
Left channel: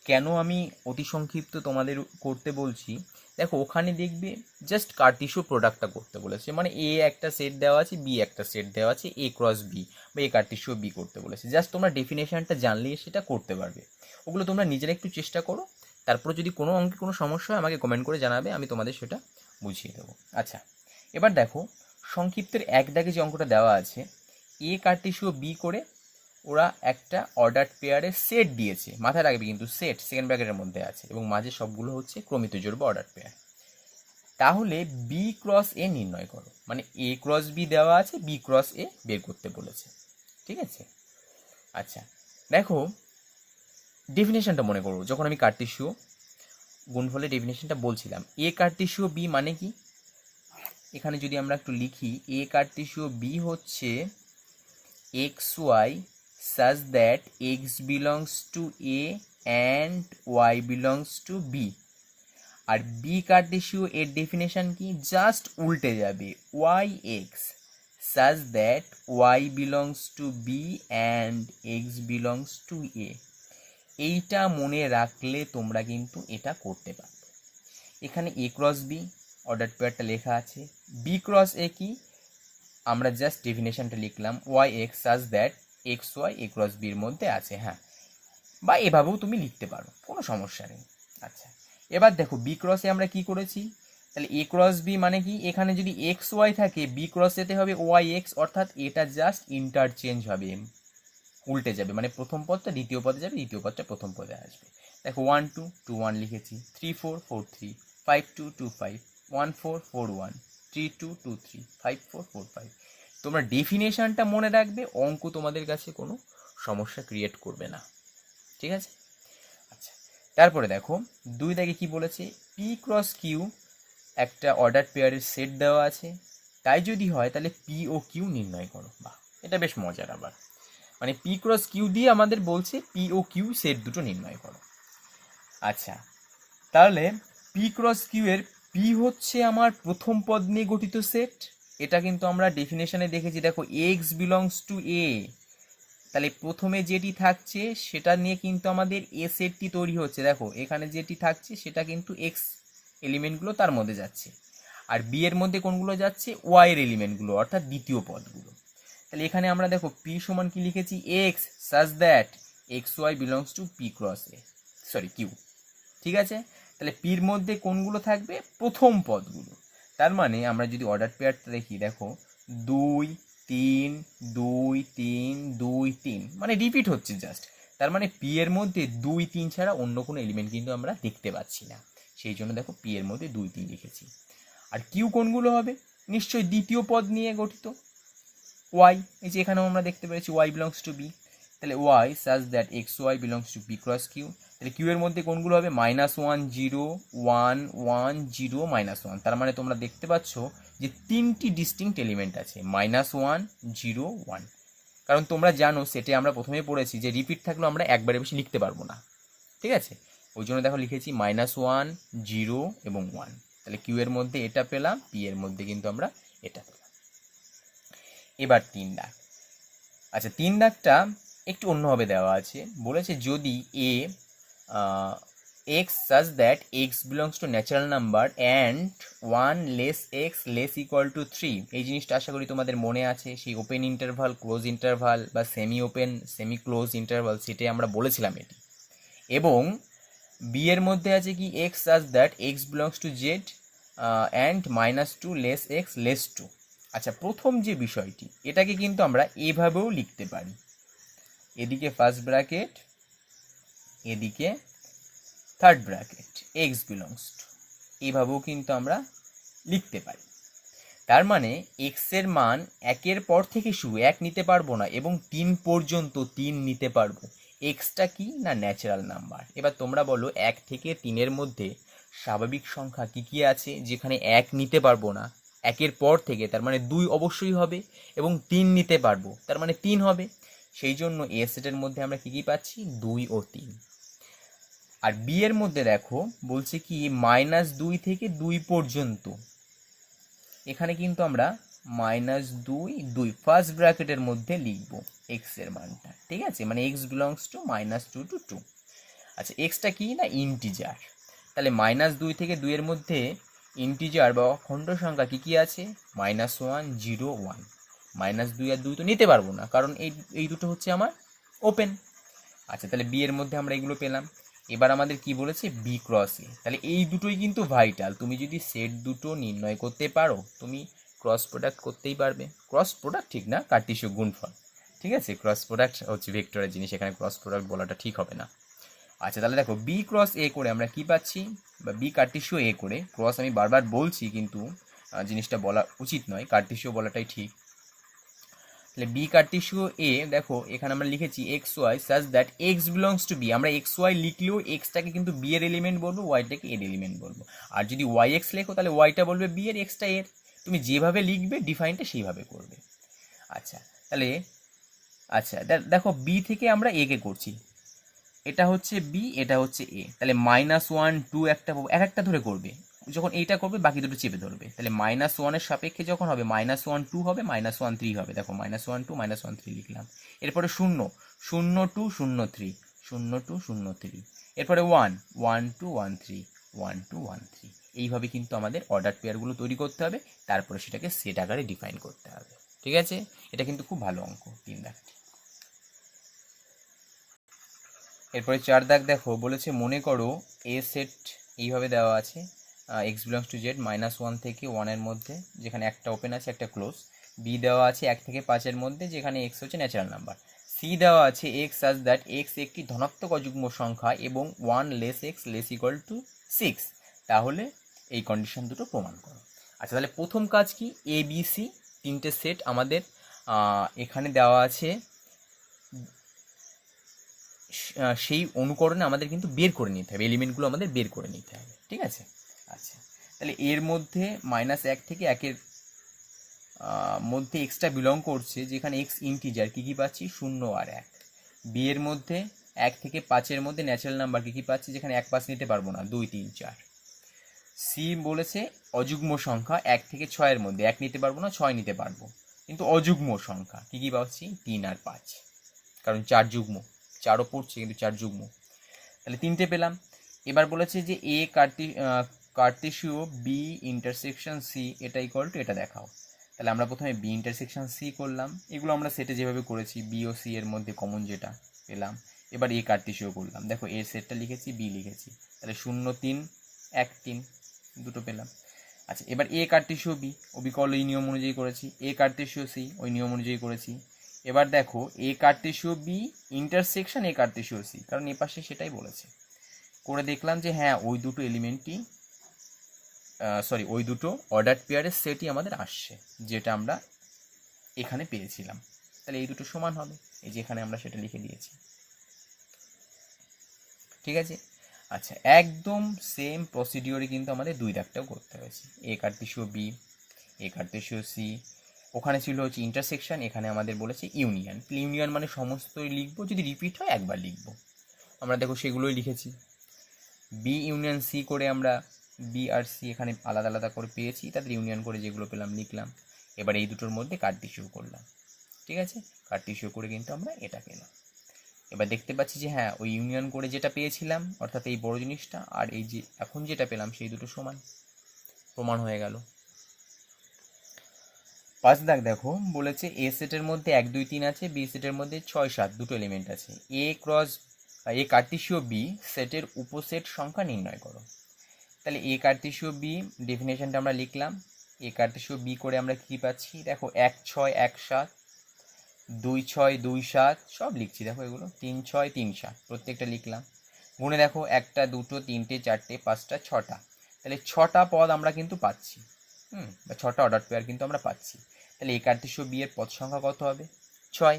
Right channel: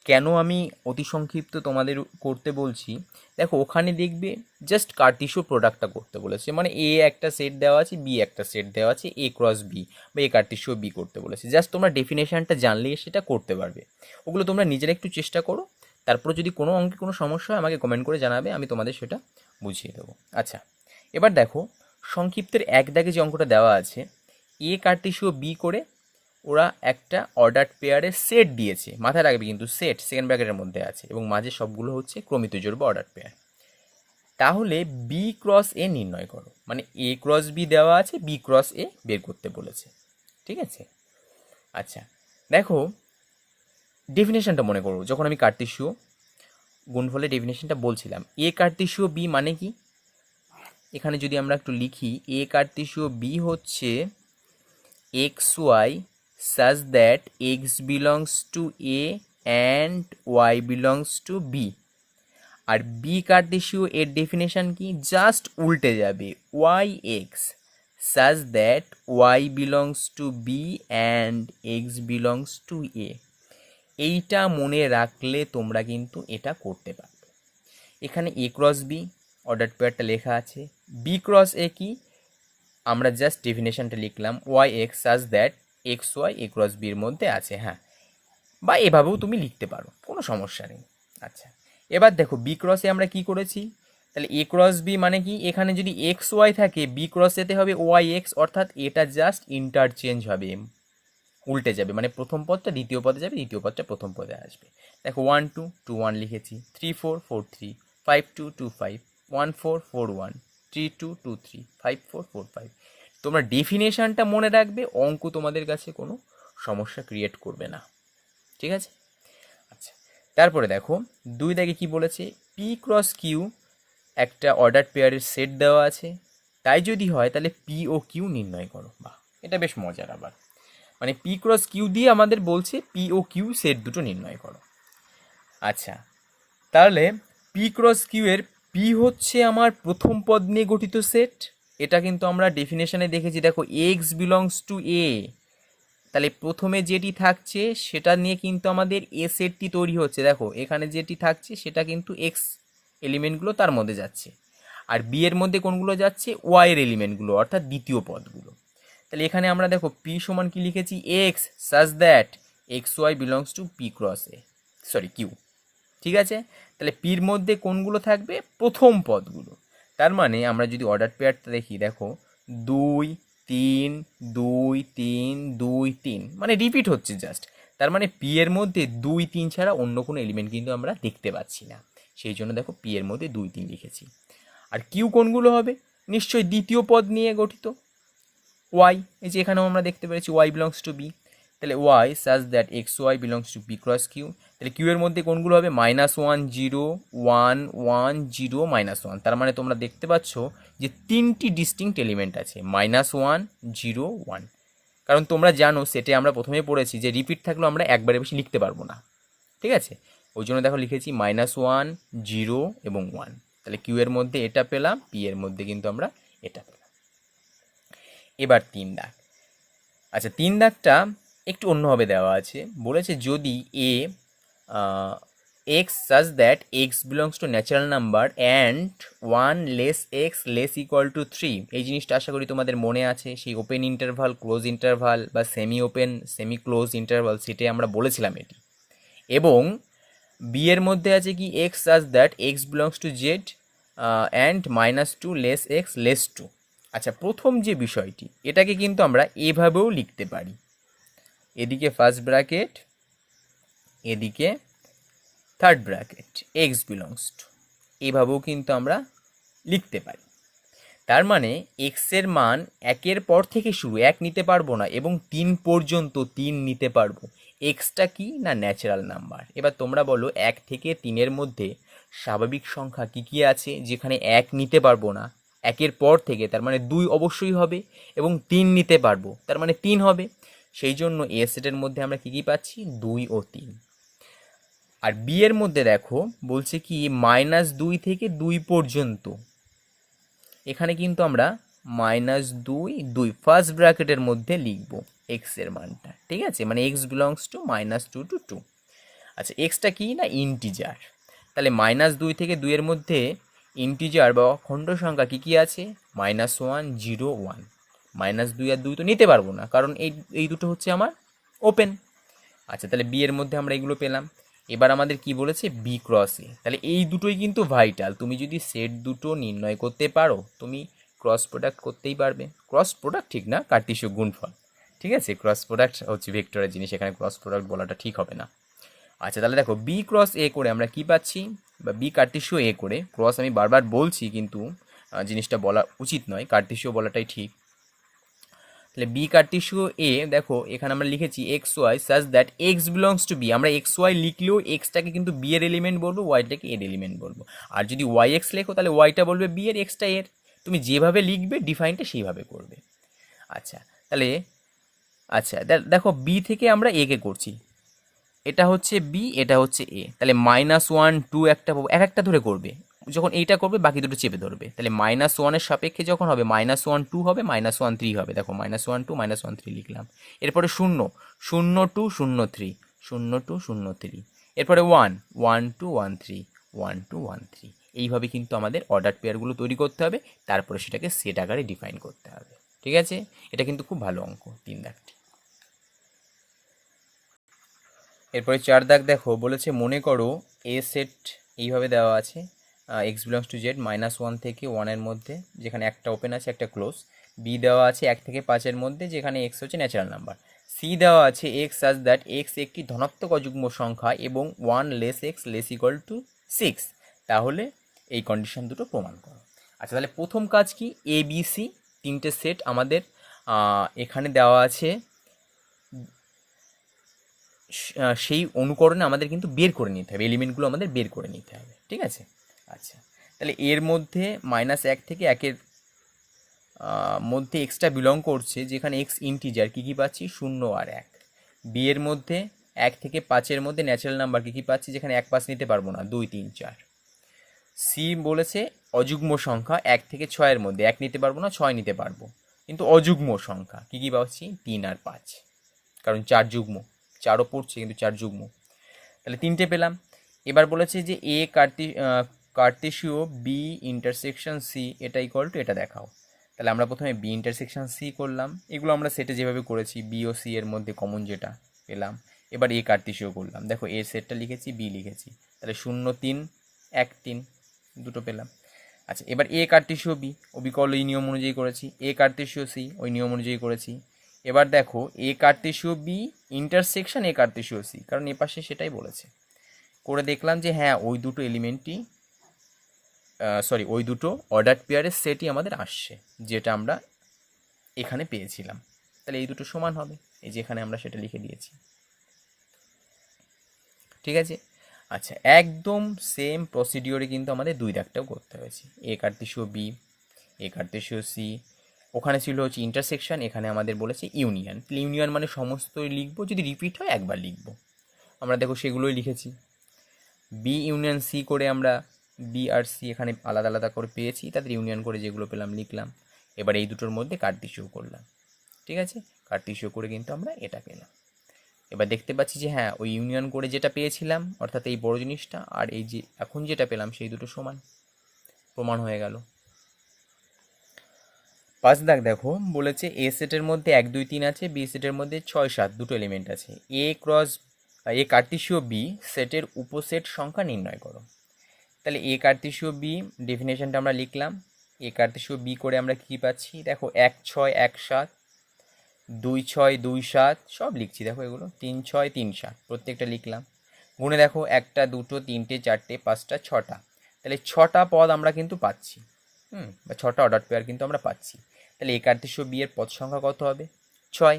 কেন আমি অতি সংক্ষিপ্ত তোমাদের করতে বলছি, দেখো ওখানে দেখবে জাস্ট কার্টেশীয় প্রোডাক্টটা করতে বলেছে, মানে এ একটা সেট দেওয়া আছে, বি একটা সেট দেওয়া আছে, এ ক্রস বি বা এ কার্টেশীয় বি করতে বলেছে। জাস্ট তোমরা ডেফিনেশনটা জানলেই সেটা করতে পারবে। ওগুলো তোমরা নিজেরা একটু চেষ্টা করো, তারপর যদি কোনো অঙ্কে কোনো সমস্যা হয় আমাকে কমেন্ট করে জানাবে, আমি তোমাদের সেটা বুঝিয়ে দেবো। আচ্ছা, এবার দেখো সংক্ষিপ্তের এক দাগে যে অঙ্কটা দেওয়া আছে, এ কার্টেশীয় বি করে ওরা একটা অর্ডার পেয়ারের সেট দিয়েছে, মাথায় রাখবে কিন্তু সেট সেকেন্ড ব্র্যাকেটের মধ্যে আছে, এবং মাঝে সবগুলো হচ্ছে ক্রমিত জোড় বা অর্ডার পেয়ার। তাহলে বি ক্রস এ নির্ণয় করো, মানে এ ক্রস বি দেওয়া আছে, বি ক্রস এ বের করতে বলেছে, ঠিক আছে? আচ্ছা, দেখো ডেফিনেশনটা মনে করো, যখন আমি কার্টেশীয় গুণফলের ডেফিনেশনটা বলছিলাম, এ কার্টেশীয় বি মানে কি, এখানে যদি আমরা একটু লিখি, এ কার্টেশীয় বি হচ্ছে x y such that x belongs to a and y belongs to b। আর বি কার্টেশীয় এর ডেফিনেশন কি, জাস্ট উল্টে যাবে, y x such that y belongs to b and x belongs to a। এইটা মনে রাখলে তোমরা কিন্তু এটা করতে পারবে। এখানে এ ক্রস বি অর্ডার পেয়ারটা লেখা আছে, বি ক্রস এ কি, আমরা জাস্ট ডেফিনেশনটা লিখলাম, y x such that x y A cross বির মধ্যে আছে, হ্যাঁ, বা এভাবেও তুমি লিখতে পারো, কোনো সমস্যা নেই। আচ্ছা, এবার দেখো বি ক্রসে আমরা কি করেছি, তাহলে এ ক্রস বি মানে কি, এখানে যদি এক্স ওয়াই থাকে, বি ক্রস এতে হবে ওয়াই এক্স, অর্থাৎ এটা জাস্ট ইন্টারচেঞ্জ হবে, উল্টে যাবে, মানে প্রথম পদটা দ্বিতীয় পদে যাবে, দ্বিতীয় পদটা প্রথম পদে আসবে। দেখো 1 2 2 1 লিখেছি, 3 4 4 3 5 2 2 5 1 4 4 1 3 2 2 3 5 4 4 5। তোমরা ডেফিনেশনটা মনে রাখবে, অঙ্ক তোমাদের কাছে কোনো সমস্যা ক্রিয়েট করবে না, ঠিক আছে? আচ্ছা, তারপরে দেখো 2 দাগে কি বলেছে, পি ক্রস কিউ একটা অর্ডার পেয়ারের সেট দেওয়া আছে, তাই যদি হয় তাহলে পি ও কিউ নির্ণয় করো। বাহ, এটা বেশ মজার। আবার মানে পি ক্রস কিউ দিয়ে আমাদের বলছে পি ও কিউ সেট দুটো নির্ণয় করো। আচ্ছা, তাহলে পি ক্রস কিউ এর পি হচ্ছে আমার প্রথম পদ নিয়ে গঠিত সেট, এটা কিন্তু আমরা ডেফিনেশনে দেখেছি। দেখো এক্স বিলংস টু এ, তাহলে প্রথমে যেটি থাকছে সেটা নিয়ে কিন্তু আমাদের এ সেটটি তৈরি হচ্ছে। দেখো এখানে যেটি থাকছে সেটা কিন্তু এক্স এলিমেন্টগুলো তার মধ্যে যাচ্ছে, আর বি এর মধ্যে কোনগুলো যাচ্ছে, ওয়াই এর এলিমেন্টগুলো, অর্থাৎ দ্বিতীয় পদগুলো। তাহলে এখানে আমরা দেখো পি সমান কি লিখেছি, x such that x Y belongs to P cross A, sorry Q, ঠিক আছে? তাহলে পির মধ্যে কোনগুলো থাকবে, প্রথম পদগুলো। তার মানে আমরা যদি অর্ডার পেয়ারটা দেখি, দেখো 2 3 2 3 2 3, মানে রিপিট হচ্ছে জাস্ট। তার মানে পি এর মধ্যে 2 3 ছাড়া অন্য কোনো এলিমেন্ট কিন্তু আমরা দেখতে পাচ্ছি না, সেই জন্য দেখো পি এর মধ্যে 2 3 লিখেছি। আর কিউ কোনগুলো হবে, নিশ্চয়ই দ্বিতীয় পদ নিয়ে গঠিত, ওয়াই, এই যে এখানেও আমরা দেখতে পেরেছি ওয়াই বিলংস টু বি, তাহলে y such that x Y belongs to B cross Q. তাহলে কিউ এর মধ্যে কোনগুলো হবে? -1 0 1 1 0 -1। তার মানে তোমরা দেখতে পাচ্ছ যে তিনটি ডিস্টিংক্ট এলিমেন্ট আছে, -1 0 1। কারণ তোমরা জানো সেটে আমরা প্রথমেই পড়েছি যে রিপিট থাকলেও আমরা একবারে বেশি লিখতে পারবো না, ঠিক আছে? ওই জন্য দেখো লিখেছি -1 0 এবং 1। তাহলে কিউ এর মধ্যে এটা পেলাম, পি এর মধ্যে কিন্তু আমরা এটা পেলাম। এবার 3 দাগ। আচ্ছা, 3 দাগটা একটু অন্যভাবে দেওয়া আছে, বলেছে যদি A X such that x belongs to natural number and 1 less X less equal to 3। এই জিনিসটা আশা করি তোমাদের মনে আছে, সেই ওপেন ইন্টারভাল, ক্লোজ ইন্টারভাল বা semi open semi close interval, সেটাই আমরা বলেছিলাম এটি। এবং বি এর মধ্যে আছে কি x such that x belongs to Z and -2 less X less 2। আচ্ছা, প্রথম যে বিষয়টি, এটাকে কিন্তু আমরা এভাবেও লিখতে পারি, এদিকে ফার্স্ট ব্র্যাকেট, এদিকে third bracket, x belongs two, এভাবেও কিন্তু আমরা লিখতে পারি। তার মানে এক্সের মান একের পর থেকে শুরু, এক নিতে পারবো না, এবং 3 পর্যন্ত 3 নিতে পারবো। এক্সটা কি না ন্যাচারাল নাম্বার। এবার তোমরা বলো 1 থেকে 3-এর মধ্যে স্বাভাবিক সংখ্যা কি কি আছে যেখানে 1 নিতে পারবো না? একের পর থেকে, তার মানে 2 অবশ্যই হবে, এবং 3 নিতে পারবো, তার মানে 3 হবে। সেই জন্য এ সেটের মধ্যে আমরা কি কি পাচ্ছি? 2 ও 3। আর বি এর মধ্যে দেখো বলছে কি -2 থেকে 2 পর্যন্ত, এখানে কিন্তু আমরা -2 2 ফার্স্ট ব্র্যাকেটের মধ্যে লিখবো এক্স এর মানটা, ঠিক আছে? মানে এক্স বিলংস টু -2 to 2। আচ্ছা, এক্সটা কি না ইন্টিজার, তাহলে -2 থেকে 2 এর মধ্যে ইন্টিজার বা খণ্ড সংখ্যা কি কি আছে? -1 0 1। -2 আর 2 তো নিতে পারবো না, কারণ এই দুটো হচ্ছে আমার ওপেন। আচ্ছা, তাহলে বি এর মধ্যে আমরা এগুলো পেলাম। এবার আমাদের কি বলেছে? বি ক্রস এ। তাহলে এই দুটোই কিন্তু ভাইটাল। তুমি যদি সেট দুটো নির্ণয় করতে পারো, তুমি ক্রস প্রোডাক্ট করতেই পারবে। ক্রস প্রোডাক্ট ঠিক না, কার্টেসীয় গুণফল, ঠিক আছে? ক্রস প্রোডাক্ট হচ্ছে ভেক্টরের জিনিস, এখানে ক্রস প্রোডাক্ট বলাটা ঠিক হবে না। আচ্ছা, তাহলে দেখো বি ক্রস এ করে আমরা কি পাচ্ছি, বা বি কার্টেসীয় এ করে, ক্রস আমি বারবার বলছি কিন্তু জিনিসটা বলা উচিত নয়, কার্টেসীয় বলাটাই ঠিক। তাহলে বি কার্টেসীয় এ, দেখো এখানে আমরা লিখেছি x y such that x belongs to B. আমরা এক্স ওয়াই লিখলেও এক্সটাকে কিন্তু বি এর এলিমেন্ট বলবো, ওয়াইটাকে এর এলিমেন্ট বলবো। আর যদি ওয়াই এক্স লেখো তাহলে ওয়াইটা বলবে বি এর, এক্সটা এর। তুমি যেভাবে লিখবে ডিফাইনটা সেইভাবে করবে। আচ্ছা, তাহলে আচ্ছা দেখো বি থেকে আমরা এ কে করছি, এটা হচ্ছে বি, এটা হচ্ছে এ। তাহলে -1 2 একটা এক একটা ধরে করবে, যখন এইটা করবে বাকি দুটো চেপে ধরবে। তাহলে -1-এর সাপেক্ষে যখন হবে -1 2 হবে, -1 3 হবে। দেখো -1 2 -1 3 লিখলাম। এরপরে 0 0 2 0 3 0 2 0 3। এরপরে 1 1 2 1 3 1 2 1 3। এইভাবে কিন্তু আমাদের অর্ডার পেয়ারগুলো তৈরি করতে হবে, তারপরে সেটাকে সেট আকারে ডিফাইন করতে হবে, ঠিক আছে? এটা কিন্তু খুব ভালো অঙ্ক, 3 দাগটি। এরপরে 4 দাগ দেখো, বলেছে মনে করো এ সেট এইভাবে দেওয়া আছে, এক্স বিলংস টু জেড -1 থেকে 1-এর মধ্যে, যেখানে একটা ওপেন আছে একটা ক্লোজ। বি দেওয়া আছে 1 থেকে 5-এর মধ্যে, যেখানে এক্স হচ্ছে ন্যাচারাল নাম্বার। সি দেওয়া আছে এক্স সাজ দ্যাট এক্স একটি ধনাত্মক অযুগ্ম সংখ্যা এবং 1 less X less equal two 6। তাহলে এই কন্ডিশন দুটো প্রমাণ করো। আচ্ছা, তাহলে প্রথম কাজ কি? এ বি সি 3টে সেট আমাদের এখানে দেওয়া আছে, সেই অনুকরণে আমাদের কিন্তু বের করে নিতে হবে, এলিমেন্টগুলো আমাদের বের করে নিতে হবে, ঠিক আছে? আচ্ছা, তাহলে এর মধ্যে -1 থেকে 1-এর মধ্যে এক্সটা বিলং করছে, যেখানে এক্স ইন্টিজার, কী কী পাচ্ছি? 0 আর 1। বি এর মধ্যে 1 থেকে 5-এর মধ্যে ন্যাচারাল নাম্বার কী কী পাচ্ছি? যেখানে 1 5 নিতে পারবো না, 2 3 4। সি বলেছে অযুগ্ম সংখ্যা 1 থেকে 6-এর মধ্যে, 1 নিতে পারবো না, 6 নিতে পারবো, কিন্তু অযুগ্ম সংখ্যা কী কী পাচ্ছি? 3 আর 5, কারণ 4 যুগ্ম, 4ও পড়ছে কিন্তু 4 যুগ্ম। তাহলে 3টে পেলাম। এবার বলেছে যে এ কার্টেসীয় বি ইন্টারসেকশন সি এটা ইকুয়াল টু এটা দেখাও। তাহলে আমরা প্রথমে বি ইন্টারসেকশন সি করলাম, এগুলো আমরা সেটে যেভাবে করেছি, বি ও সি এর মধ্যে কমন যেটা পেলাম। এবার এ কার্টেসীয় করলাম, দেখো এ সেটটা লিখেছি, বি লিখেছি, তাহলে 0 3 1 3 দুটো পেলাম। আচ্ছা, এবার এ কার্টেসীয় বি, অবিকল ওই নিয়ম অনুযায়ী করেছি। এ কার্টেসীয় সি ওই নিয়ম অনুযায়ী করেছি। এবার দেখো এ কার্টেসীয় বি ইন্টারসেকশন এ কার্টেসীয় সি, কারণ এ পাশে সেটাই বলেছে। করে দেখলাম যে হ্যাঁ, ওই দুটো এলিমেন্টই ওই দুটো অর্ডার পেয়ারের সেটই আমাদের আসছে, যেটা আমরা এখানে পেয়েছিলাম। তাহলে এই দুটো সমান হবে, এই যে এখানে আমরা সেটা লিখে দিয়েছি। ঠিক আছে, আচ্ছা একদম সেম প্রসিডিওরে কিন্তু আমাদের দুই দাগটাও করতে হয়েছে। এ কার্তেশীয় বি, এ কার্তেশীয় সি, ওখানে ছিল হচ্ছে ইন্টারসেকশন, এখানে আমাদের বলেছে ইউনিয়ন। ইউনিয়ন মানে সমস্তই লিখবো, যদি রিপিট হয় একবার লিখবো। আমরা দেখো সেগুলোই লিখেছি। বি ইউনিয়ন সি করে আমরা বি আর সি এখানে আলাদা আলাদা করে পেয়েছি, তাদের ইউনিয়ন করে যেগুলো পেলাম লিখলাম। এবার এই দুটোর মধ্যে কার্তেশীয় করলাম। ঠিক আছে, কার্তেশীয় করে কিন্তু আমরা এটা পেলাম। এবার দেখতে পাচ্ছি যে হ্যাঁ, ওই ইউনিয়ন করে যেটা পেয়েছিলাম অর্থাৎ এই বড় জিনিসটা আর এই যে এখন যেটা পেলাম সেই দুটো সমান, প্রমাণ হয়ে গেল। 5 দাগ দেখো, বলেছে এ সেটের মধ্যে 1 2 3 আছে, বি সেটের মধ্যে 6 7 দুটো এলিমেন্ট আছে। এ কার্তেশীয় বি সেটের উপসেট সংখ্যা নির্ণয় করো। তাহলে এ কার্তেশীয় বি ডেফিনেশনটা আমরা লিখলাম। এ কার্তেশীয় বি করে আমরা কি পাচ্ছি, দেখো 1 6 1 7, 2 6 2 7, সব লিখছি দেখো এগুলো, 3 6 3 7 প্রত্যেকটা লিখলাম। গুণে দেখো 1টা 2টো 3টে 4টে 5টা 6টা, তাহলে 6টা পদ আমরা কিন্তু পাচ্ছি, বা 6টা অর্ডার পেয়ার কিন্তু আমরা পাচ্ছি। তাহলে এই কার্তেশীয় বি এর পদ সংখ্যা কত হবে, 6।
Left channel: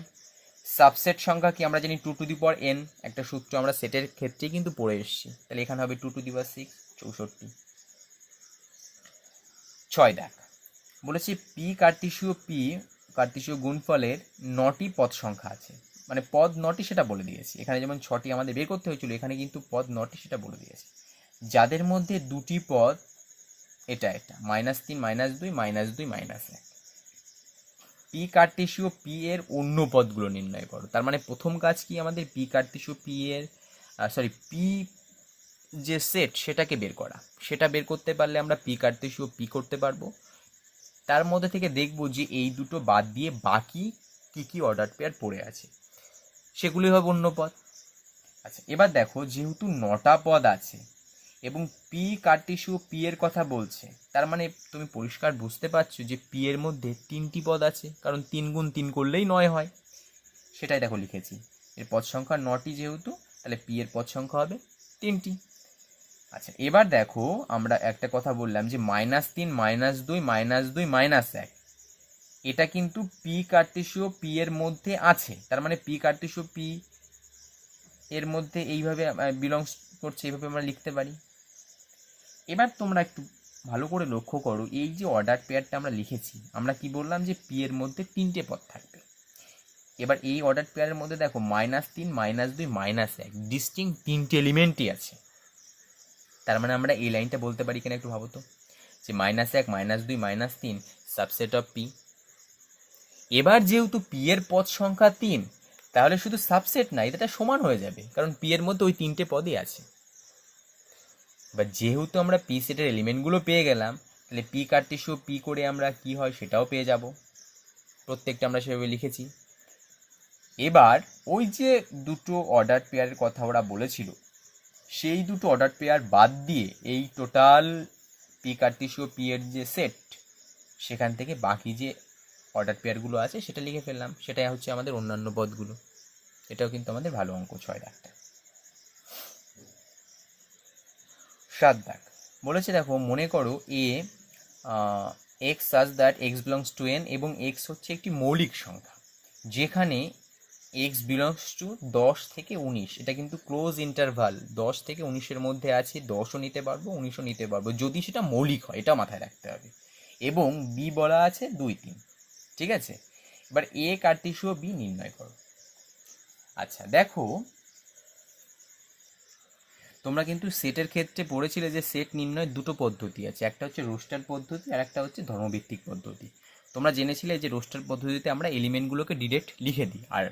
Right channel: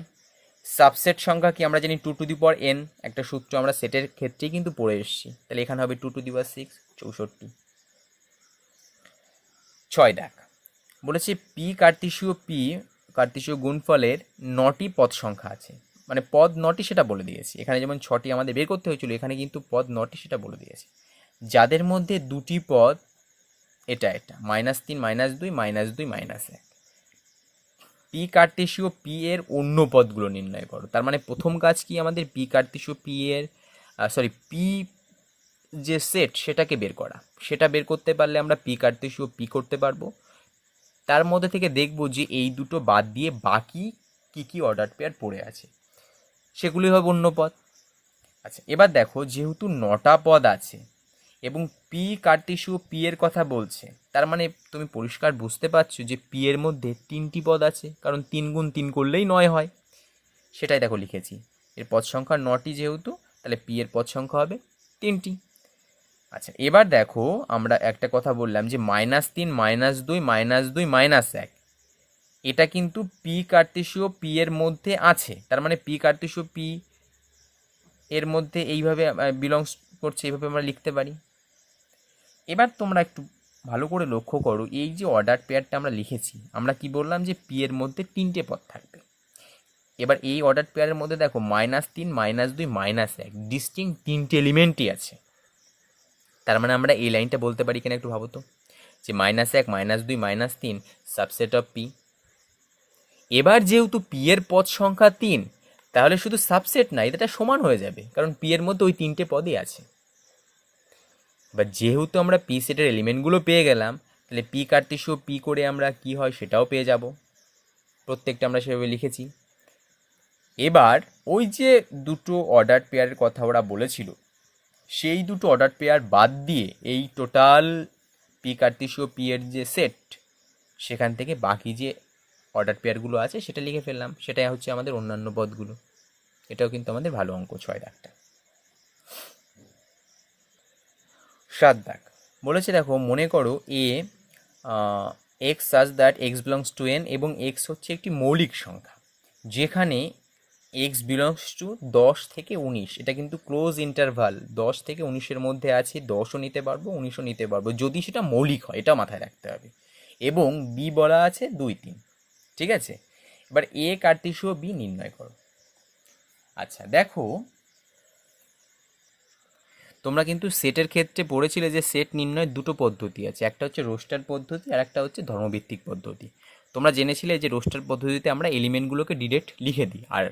সাবসেট সংখ্যা কি আমরা জানি 2 টু দি পাওয়ার n, একটা সূত্র আমরা সেটের ক্ষেত্রেই কিন্তু পড়ে এসেছি। তাহলে এখানে হবে 2 টু দি পাওয়ার 6, 64। 6 দেখ, বলেছে পি কার্তেশীয় গুণফলের 9টি পদ সংখ্যা আছে, মানে পদ 9টি সেটা বলে দিয়েছি। এখানে যেমন 6টি আমাদের বের করতে হয়েছিল, এখানে কিন্তু পদ 9টি সেটা বলে দিয়েছি। যাদের মধ্যে দুটি পদ এটা -3 -2 -2 -1। পি কার্তেশীয় পি এর অন্য পদগুলো নির্ণয় করো। তার মানে প্রথম কাজ কি আমাদের, পি কার্তেশীয় পি এর পি যে সেট সেটাকে বের করা। সেটা বের করতে পারলে আমরা পি কার্তেশীয় পি করতে পারবো। তার মধ্যে থেকে দেখব যে এই দুটো বাদ দিয়ে বাকি কি কি অর্ডার পেয়ার পড়ে আছে, সেগুলি হবে অন্য পদ। আচ্ছা এবার দেখো, যেহেতু 9টা পদ আছে এবং পি কার্তেশীয় পি এর কথা বলছে, তার মানে তুমি পরিষ্কার বুঝতে পারছো যে পি এর মধ্যে 3টি পদ আছে, কারণ 3 গুণ 3 করলেই 9 হয়। সেটাই দেখো লিখেছি, এর পদ সংখ্যা 9টি যেহেতু, তাহলে পি এর পদ সংখ্যা হবে 3টি। আচ্ছা এবার দেখো, আমরা একটা কথা বললাম যে -3 -2 -2 -1, এটা কিন্তু পি কার্তেশীয় পি এর মধ্যে আছে। তার মানে পি কার্তেশীয় পি এর মধ্যে এইভাবে বিলংস করছে, এইভাবে আমরা লিখতে পারি। এবার তোমরা একটু ভালো করে লক্ষ্য করো, এই যে অর্ডার পেয়ারটা আমরা লিখেছি, আমরা কি বললাম যে পি এর মধ্যে 3টে পদ থাকবে। এবার এই অর্ডার পেয়ারের মধ্যে দেখো -3 -2 -1 ডিস্টিংক্ট 3টে এলিমেন্টই আছে। তার মানে আমরা এই লাইনটা বলতে পারি কিনা একটু ভাবো তো, যে -1 -2 -3 সাবসেট অফ পি। এবার যেহেতু পি এর পদ সংখ্যা 3, তাহলে শুধু সাবসেট না, এটা সমান হয়ে যাবে, কারণ পি এর মধ্যে ওই 3টে পদই আছে। এবার যেহেতু আমরা পি সেটের এলিমেন্টগুলো পেয়ে গেলাম, তাহলে পি কার্তেশীয় পি করে আমরা কি হয় সেটাও পেয়ে যাব। প্রত্যেকটা আমরা সেভাবে লিখেছি। এবার ওই যে দুটো অর্ডার পেয়ারের কথা ওরা বলেছিল, সেই দুটো অর্ডার পেয়ার বাদ দিয়ে এই টোটাল পি কার্তেশীয় পি এর যে সেট, সেখান থেকে বাকি যে অর্ডার পেয়ারগুলো আছে সেটা লিখে ফেললাম। সেটাই হচ্ছে আমাদের অন্যান্য পদগুলো। এটাও কিন্তু আমাদের ভালো অঙ্ক, 6 দাগটা। 7 দাগ, বলেছে দেখো, মনে করো A X such that x belongs to N, এবং এক্স হচ্ছে একটি মৌলিক সংখ্যা যেখানে এক্স বিলংস টু 10 থেকে 19। এটা কিন্তু ক্লোজ ইন্টারভাল, 10 থেকে 19-এর মধ্যে আছে। 10ও নিতে পারবো, 19ও নিতে পারবো, যদি সেটা মৌলিক হয়, এটা মাথায় রাখতে হবে। এবং বি বলা আছে 2 3। ঠিক আছে, এবার এ কার্তেশীয় বি নির্ণয় করো। আচ্ছা দেখো, তোমরা কিন্তু সেটের ক্ষেত্রে পড়েছিলে যে সেট নির্ণয়ের দুটো পদ্ধতি আছে, একটা হচ্ছে রোস্টার পদ্ধতি আর একটা হচ্ছে ধর্মভিত্তিক পদ্ধতি। তোমরা জেনেছিলে যে রোস্টার পদ্ধতিতে আমরা এলিমেন্টগুলোকে ডিরেক্ট লিখে দিই, আর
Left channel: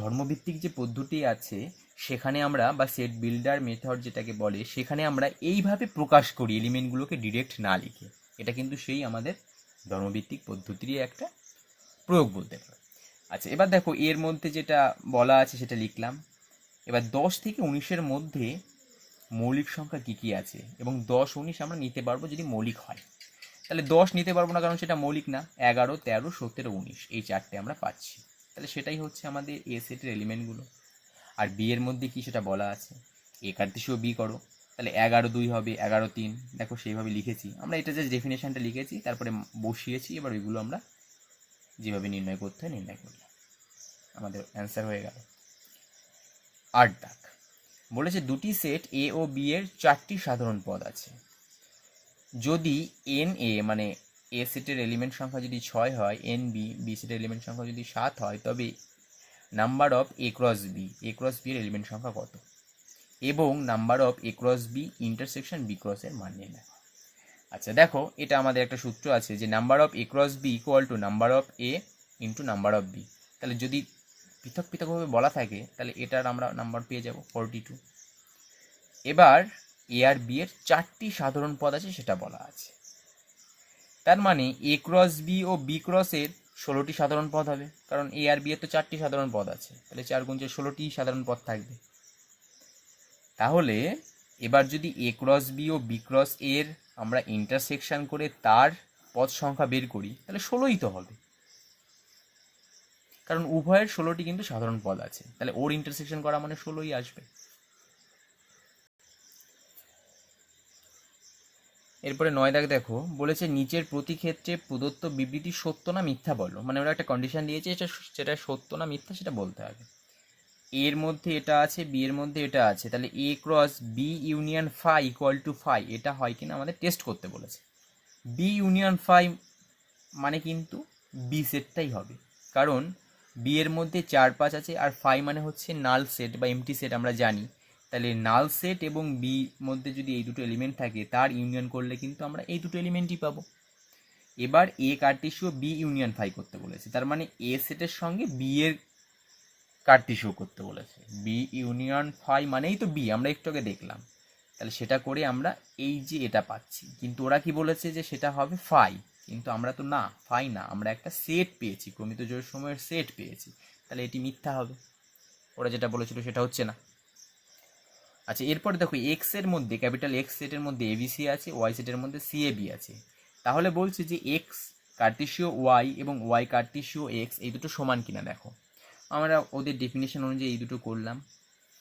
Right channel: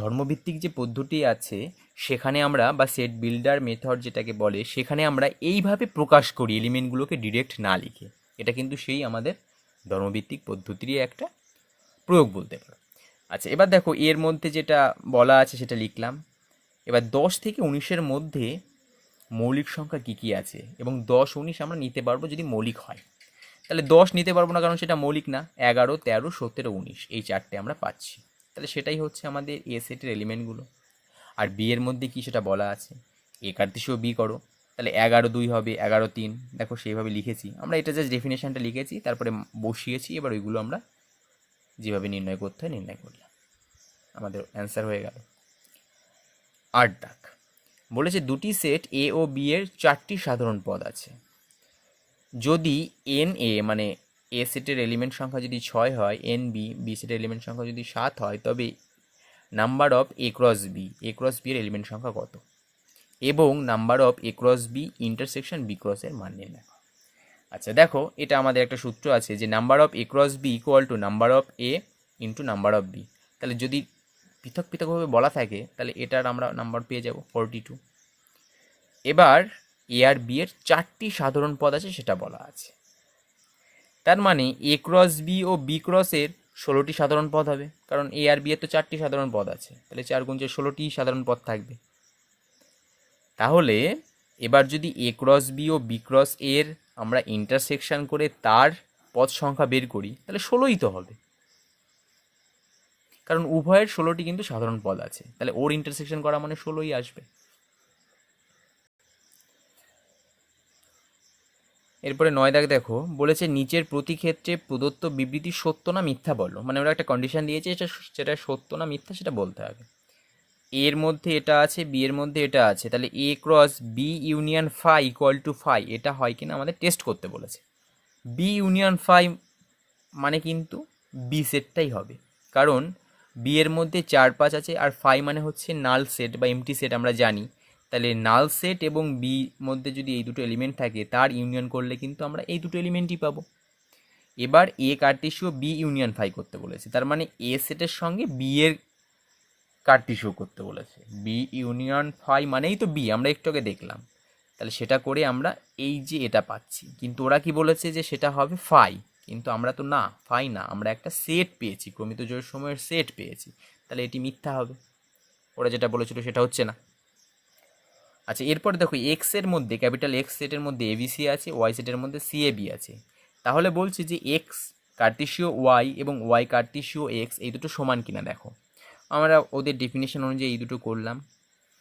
ধর্মভিত্তিক যে পদ্ধতি আছে সেখানে আমরা, বা সেট বিল্ডার মেথড যেটাকে বলে, সেখানে আমরা এইভাবে প্রকাশ করি এলিমেন্টগুলোকে ডিরেক্ট না লিখে। এটা কিন্তু সেই আমাদের ধর্মভিত্তিক পদ্ধতিরই একটা প্রয়োগ বলতে পারো। আচ্ছা এবার দেখো, এর মধ্যে যেটা বলা আছে সেটা লিখলাম। এবার 10 থেকে 19-এর মধ্যে মৌলিক সংখ্যা কী কী আছে, এবং 10 19 আমরা নিতে পারবো যদি মৌলিক হয়। তাহলে 10 নিতে পারবো না, কারণ সেটা মৌলিক না। 11 13 17 19 এই 4টে আমরা পাচ্ছি। তাহলে সেটাই হচ্ছে আমাদের এ সেটের এলিমেন্টগুলো। আর বি এর মধ্যে কি সেটা বলা আছে, এ কার্তেশীয় বি করো। তাহলে 11 2 হবে, 11 3, দেখো সেইভাবে লিখেছি আমরা। এটা জাস্ট ডেফিনেশনটা লিখেছি, তারপরে বসিয়েছি। এবার ওইগুলো আমরা যেভাবে নির্ণয় করতে হয় নির্ণয় করলাম, আমাদের অ্যান্সার হয়ে গেল। 8 দাগ বলেছে দুটি সেট এ ও বি এর 4টি সাধারণ পদ আছে। যদি এন এ মানে এ সেটের এলিমেন্ট সংখ্যা যদি 6 হয়, এন বি বি সেটের এলিমেন্ট সংখ্যা যদি 7 হয়, তবে number of A cross B এর এলিমেন্ট সংখ্যা কত, এবং number of A cross B intersection B cross এর মান নির্ণয়। আচ্ছা দেখো, এটা আমাদের একটা সূত্র আছে যে number of A cross B equal to number of A into number of B. তাহলে যদি পৃথক পৃথকভাবে বলা থাকে তাহলে এটার আমরা নাম্বার পেয়ে যাব 42। এবার এ আর বি এর 4টি সাধারণ পদ আছে সেটা বলা আছে, তার মানে এ ক্রস বি ও বি ক্রসের 16টি সাধারণ পদ হবে, কারণ এ আর বি এর তো 4টি সাধারণ পদ আছে, তাহলে 4 গুণ 4 16টি সাধারণ পদ থাকবে। তাহলে এবার যদি এ ক্রস বি ও বি ক্রস এর আমরা ইন্টারসেকশন করে তার পদ সংখ্যা বের করি, তাহলে 16ই তো হবে, কারণ উভয়ের 16টি কিন্তু সাধারণ পদ আছে, তাহলে ওর ইন্টারসেকশন করা মানে 16ই আসবে। এরপরে 9 দাগ দেখো, বলেছে নিচের প্রতি ক্ষেত্রে প্রদত্ত বিবৃতি সত্য না মিথ্যা বলো। মানে ওরা একটা কন্ডিশন দিয়েছে, সেটা সত্য না মিথ্যা সেটা বলতে হবে। এর মধ্যে এটা আছে, বি এর মধ্যে এটা আছে, তাহলে A cross B union phi equal to phi, এটা হয় কিনা আমাদের টেস্ট করতে বলেছে। বি ইউনিয়ন ফাই মানে কিন্তু বি সেটটাই হবে, কারণ বি এর মধ্যে 4 5 আছে, আর ফাই মানে হচ্ছে নাল সেট বা এমটি সেট আমরা জানি। তাহলে নাল সেট এবং বি মধ্যে যদি এই দুটো এলিমেন্ট থাকে তার ইউনিয়ন করলে কিন্তু আমরা এই দুটো এলিমেন্টই পাবো। এবার এ কার্টেসিও বি ইউনিয়ন ফাই করতে বলেছে, তার মানে এ সেটের সঙ্গে বি এর কার্টেসিও করতে বলেছে। বি ইউনিয়ন ফাই মানেই তো বি, আমরা একটু আগে দেখলাম, তাহলে সেটা করে আমরা এই যে এটা পাচ্ছি। কিন্তু ওরা কি বলেছে যে সেটা হবে ফাই, কিন্তু আমরা তো না, ফাই না, আমরা একটা সেট পেয়েছি, ক্রমিত জোড় সময়ের সেট পেয়েছি, তাহলে এটি মিথ্যা হবে, ওরা যেটা বলেছিল সেটা হচ্ছে না। আচ্ছা এরপর দেখো, এক্স এর মধ্যে ক্যাপিটাল এক্স সেটের মধ্যে এবিসি আছে, ওয়াই সেটের মধ্যে সিএবি আছে, তাহলে বলছে যে এক্স কার্টেসিও ওয়াই এবং ওয়াই কার্টেসিও এক্স এই দুটো সমান কিনা। দেখো আমরা ওদের ডেফিনেশন অনুযায়ী এই দুটো করলাম,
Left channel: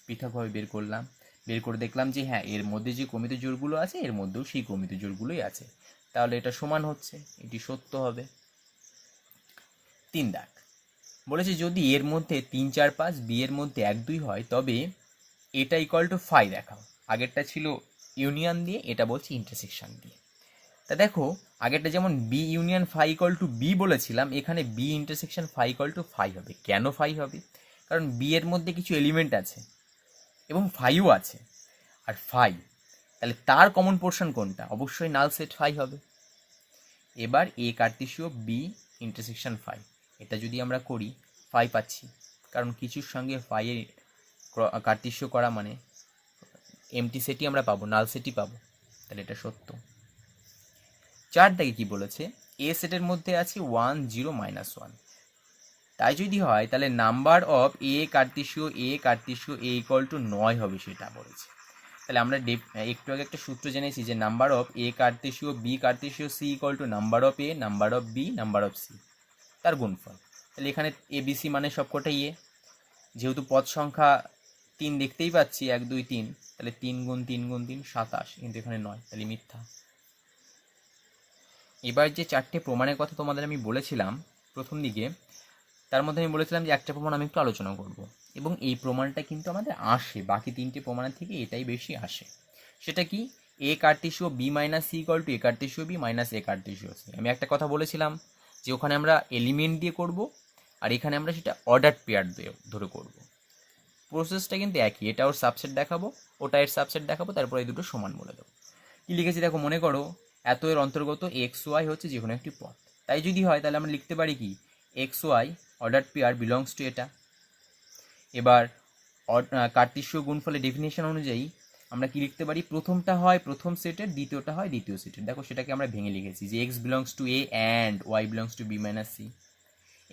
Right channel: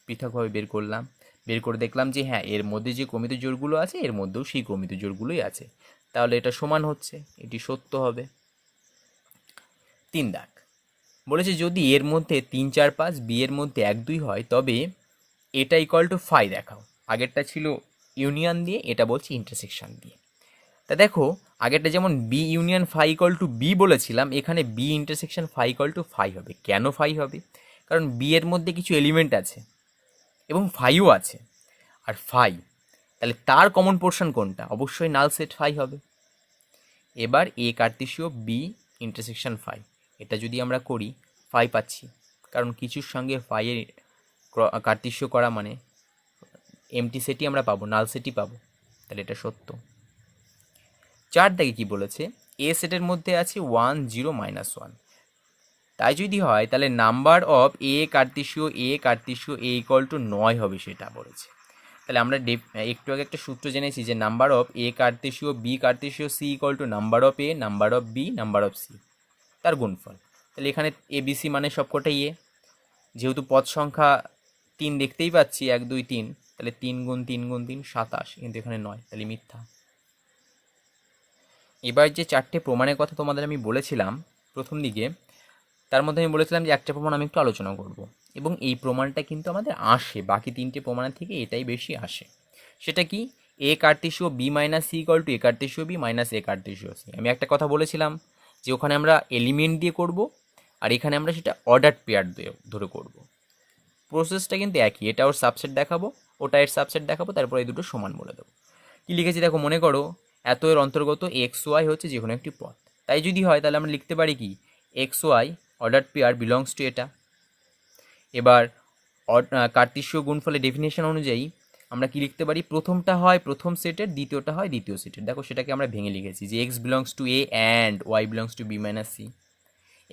পৃথকভাবে বের করলাম, বের করে দেখলাম যে হ্যাঁ এর মধ্যে যে ক্রমিত জোড়গুলো আছে এর মধ্যেও সেই ক্রমিত জোড়গুলোই আছে, তাহলে এটা সমান হচ্ছে, এটি সত্য হবে। 3 দাগ বলেছে যদি এর মধ্যে 3 4 5 বি এর মধ্যে 1 2 হয়, তবে এটা ইকুয়াল টু ফাই দেখাও। আগেরটা ছিল ইউনিয়ন দিয়ে, এটা বলছি ইন্টারসেকশন দিয়ে। তা দেখো আগেরটা যেমন B union phi equal to B বলেছিলাম, এখানে B intersection phi equal to phi হবে। কেন ফাই হবে? কারণ বি এর মধ্যে কিছু এলিমেন্ট আছে এবং ফাইও আছে, আর ফাই তাহলে তার কমন পোর্শন কোনটা? অবশ্যই নাল সেট ফাই হবে। এবার এ কার্টেসিও বি ইন্টারসেকশন ফাই, এটা যদি আমরা করি ফাই পাচ্ছি, কারণ কিছুর সঙ্গে ফাইয়ের কার্টেসিও করা মানে এমটি সেটই আমরা পাবো, নাল সেটই পাবো, তাহলে এটা সত্য। 4 দাগে কি বলেছে? এ সেটের মধ্যে আছে 1 0 -1, তাই যদি হয় তাহলে নাম্বার অফ এ কার্টেসিও এ ইকুয়াল টু 9 হবে, সেটা বলেছে। তাহলে আমরা একটু আগে একটা সূত্র জেনেছি যে নাম্বার অফ এ কার্টেসিও বি কার্টেসিও C equal to number of A number of B number of C, তার গুণফল। তাহলে এখানে এ বি সি মানে সবকটাই এ, যেহেতু পদ সংখ্যা 3 দেখতেই পাচ্ছি 1 2 3, তাহলে 3 গুণ 3 গুণ 3 27, কিন্তু এখানে 9, তাহলে মিথ্যা। এবার যে 4টে প্রমাণের কথা তোমাদের আমি বলেছিলাম প্রথম দিকে, তার মধ্যে আমি বলেছিলাম যে একটা প্রমাণ আমি একটু আলোচনা করব, এবং এই প্রমাণটা কিন্তু আমাদের আসে বাকি 3টে প্রমাণের থেকে এটাই বেশি আসে। সেটা কি? এ কার্টেসিও B minus C equal to A কার্টেসিও বি মাইনাস এ কার্টেসিও সি। আমি একটা কথা বলেছিলাম যে ওখানে আমরা এলিমেন্ট দিয়ে করব, আর এখানে আমরা সেটা অর্ডার পেয়ার দিয়ে ধরে করব। প্রসেসটা কিন্তু একই, এটা ওর সাবসেট দেখাবো, ওটা এর সাবসেট দেখাবো, তারপর এই দুটো সমান বলে দেবো। কি লিখেছি দেখো, মনে করো এত এর অন্তর্গত এক্স ওয়াই হচ্ছে যে কোনো একটি পথ, তাই যদি হয় তাহলে আমরা লিখতে পারি কি x y order pair belongs to এটা। এবার কার্টেসীয় গুণফলের ডেফিনেশন অনুযায়ী আমরা কি লিখতে পারি? প্রথমটা হয় প্রথম সেটের, দ্বিতীয়টা হয় দ্বিতীয় সেটের। দেখো সেটাকে আমরা ভেঙে লিখেছি যে x belongs to A and Y belongs to B minus C.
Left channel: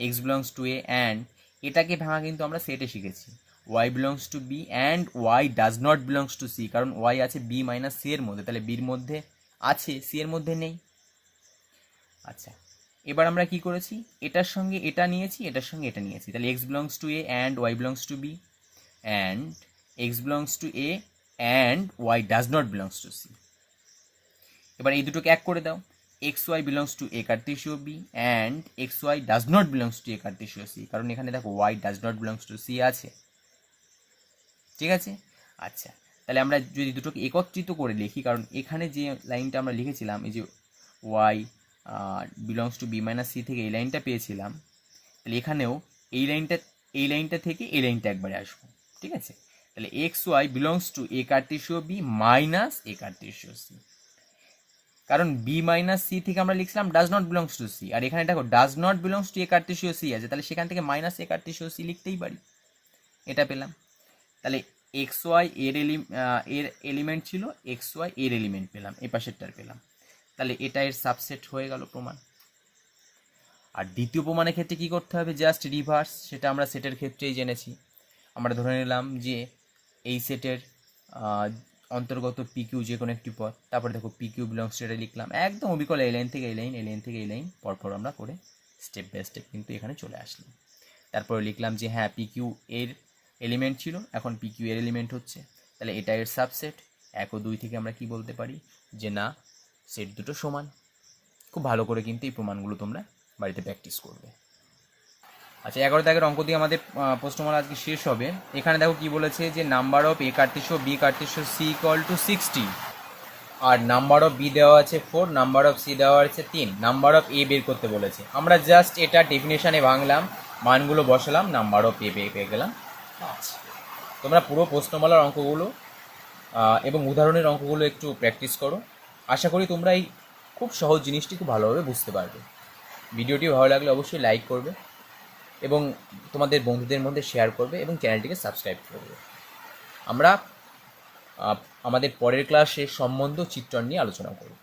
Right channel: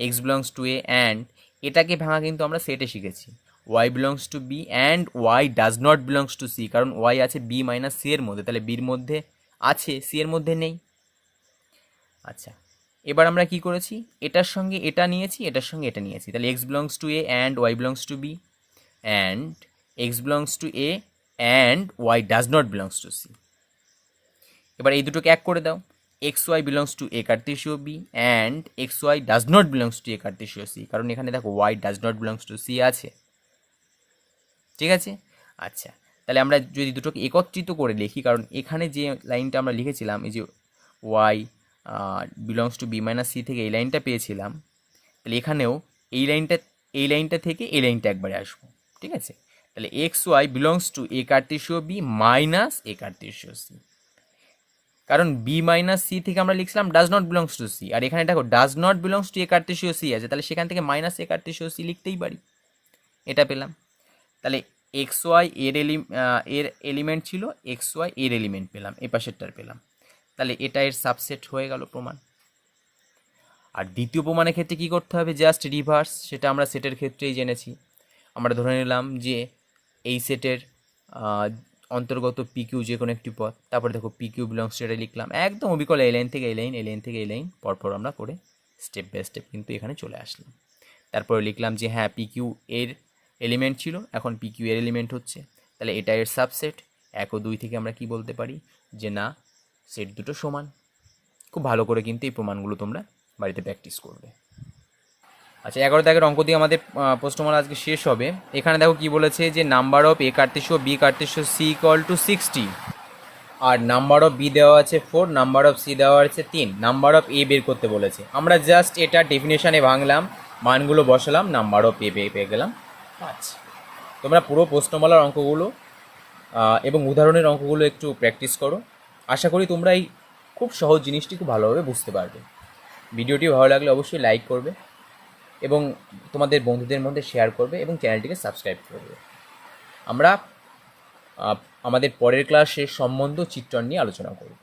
X belongs to A and, এটাকে ভাঙা কিন্তু আমরা সেটে শিখেছি। Y belongs to B and y does not belongs to C, কারণ ওয়াই আছে বি মাইনাস সি এর মধ্যে, তাহলে বির মধ্যে আছে সি এর মধ্যে নেই। আচ্ছা এবার আমরা কি করেছি? এটার সঙ্গে এটা নিয়েছি, এটার সঙ্গে এটা নিয়েছি, তাহলে x belongs to A and Y belongs to B, and x belongs to A and y does not belongs to C. এবার এই দুটোকে এক করে দাও, xy belongs to a Cartesio B and xy does not belongs to a Cartesio C, কারণ এখানে দেখো y does not belongs to C আছে, ঠিক আছে। আচ্ছা, তাহলে আমরা যদি দুটোকে একত্রিত করে লিখি, কারণ এখানে যে লাইনটা আমরা লিখেছিলাম এই যে y belongs to B minus C থেকে এই লাইনটা পেয়েছিলাম, তাহলে এখানেও এই লাইনটা থেকে এই লাইনটা একবারে আসবো, ঠিক আছে। তাহলে X Y belongs to A কার্টেসিও বি মাইনাস এ কার্টেসিও সি, কারণ বি মাইনাস সি থেকে আমরা লিখছিলাম does not belongs to C, আর এখানে দেখো does not belongs to A কার্টেসিও সি আছে, তাহলে সেখান থেকে মাইনাস এ কার্টেসিও সি লিখতেই পারি, এটা পেলাম। তাহলে এক্স ওয়াই এর এলিমেন্ট ছিল, এক্স ওয়াই এর এলিমেন্ট পেলাম, এ পাশেরটার পেলাম, তাহলে এটা এর সাবসেট হয়ে গেল প্রমাণ। আর দ্বিতীয় প্রমাণের ক্ষেত্রে কী করতে হবে, জাস্ট রিভার্স, সেটা আমরা সেটের ক্ষেত্রেই জেনেছি। আমরা ধরে নিলাম যে এই সেটের অন্তর্গত পি কিউ যে কোনো একটি পদ, তারপরে দেখো পি কিউ বিলংস টু, এটা লিখলাম একদম অবিকল এই লাইন থেকে এই লাইন, এই লাইন থেকে এই লাইন পরপর আমরা করে স্টেপ বাই স্টেপ কিন্তু এখানে চলে আসলাম। তারপরে লিখলাম যে হ্যাঁ পি কিউ এর এলিমেন্ট ছিল, এখন পি কিউ এর এলিমেন্ট হচ্ছে, তাহলে এটা এর সাবসেট। 1 ও 2 থেকে আমরা কি বলতে পারি যে না, সেট দুটো সমান। খুব ভালো করে কিন্তু এই প্রমাণগুলো তোমরা বাড়িতে প্র্যাকটিস করবে। আচ্ছা, 11 দাগের অঙ্ক দিয়ে আমাদের প্রশ্নমালা আজকে শেষ হবে। এখানে দেখো কি বলেছে যে নাম্বার অফ এ কার্টেসিও বি কার্টেসিও সি ইকুয়াল টু 60, আর নাম্বার অফ বি দেওয়া আছে 4, নাম্বার অফ সি দেওয়া আছে 3, নাম্বার অফ এ বের করতে বলেছে। আমরা জাস্ট এটা ডেফিনেশনে ভাঙলাম, মানগুলো বসালাম, নাম্বার অফ এ পেয়ে গেলাম। আচ্ছা, তোমরা পুরো প্রশ্নমালার অঙ্কগুলো এবং উদাহরণের অঙ্কগুলো একটু প্র্যাকটিস করো। আশা করি তোমরা এই খুব সহজ জিনিসটি খুব ভালোভাবে বুঝতে পারবে। ভিডিওটি ভালো লাগলে অবশ্যই লাইক করবে এবং তোমাদের বন্ধুদের মধ্যে শেয়ার করবে এবং চ্যানেলটিকে সাবস্ক্রাইব করবে। আমরা আমাদের পরের ক্লাসে সম্বন্ধ চিত্রণ নিয়ে আলোচনা করব।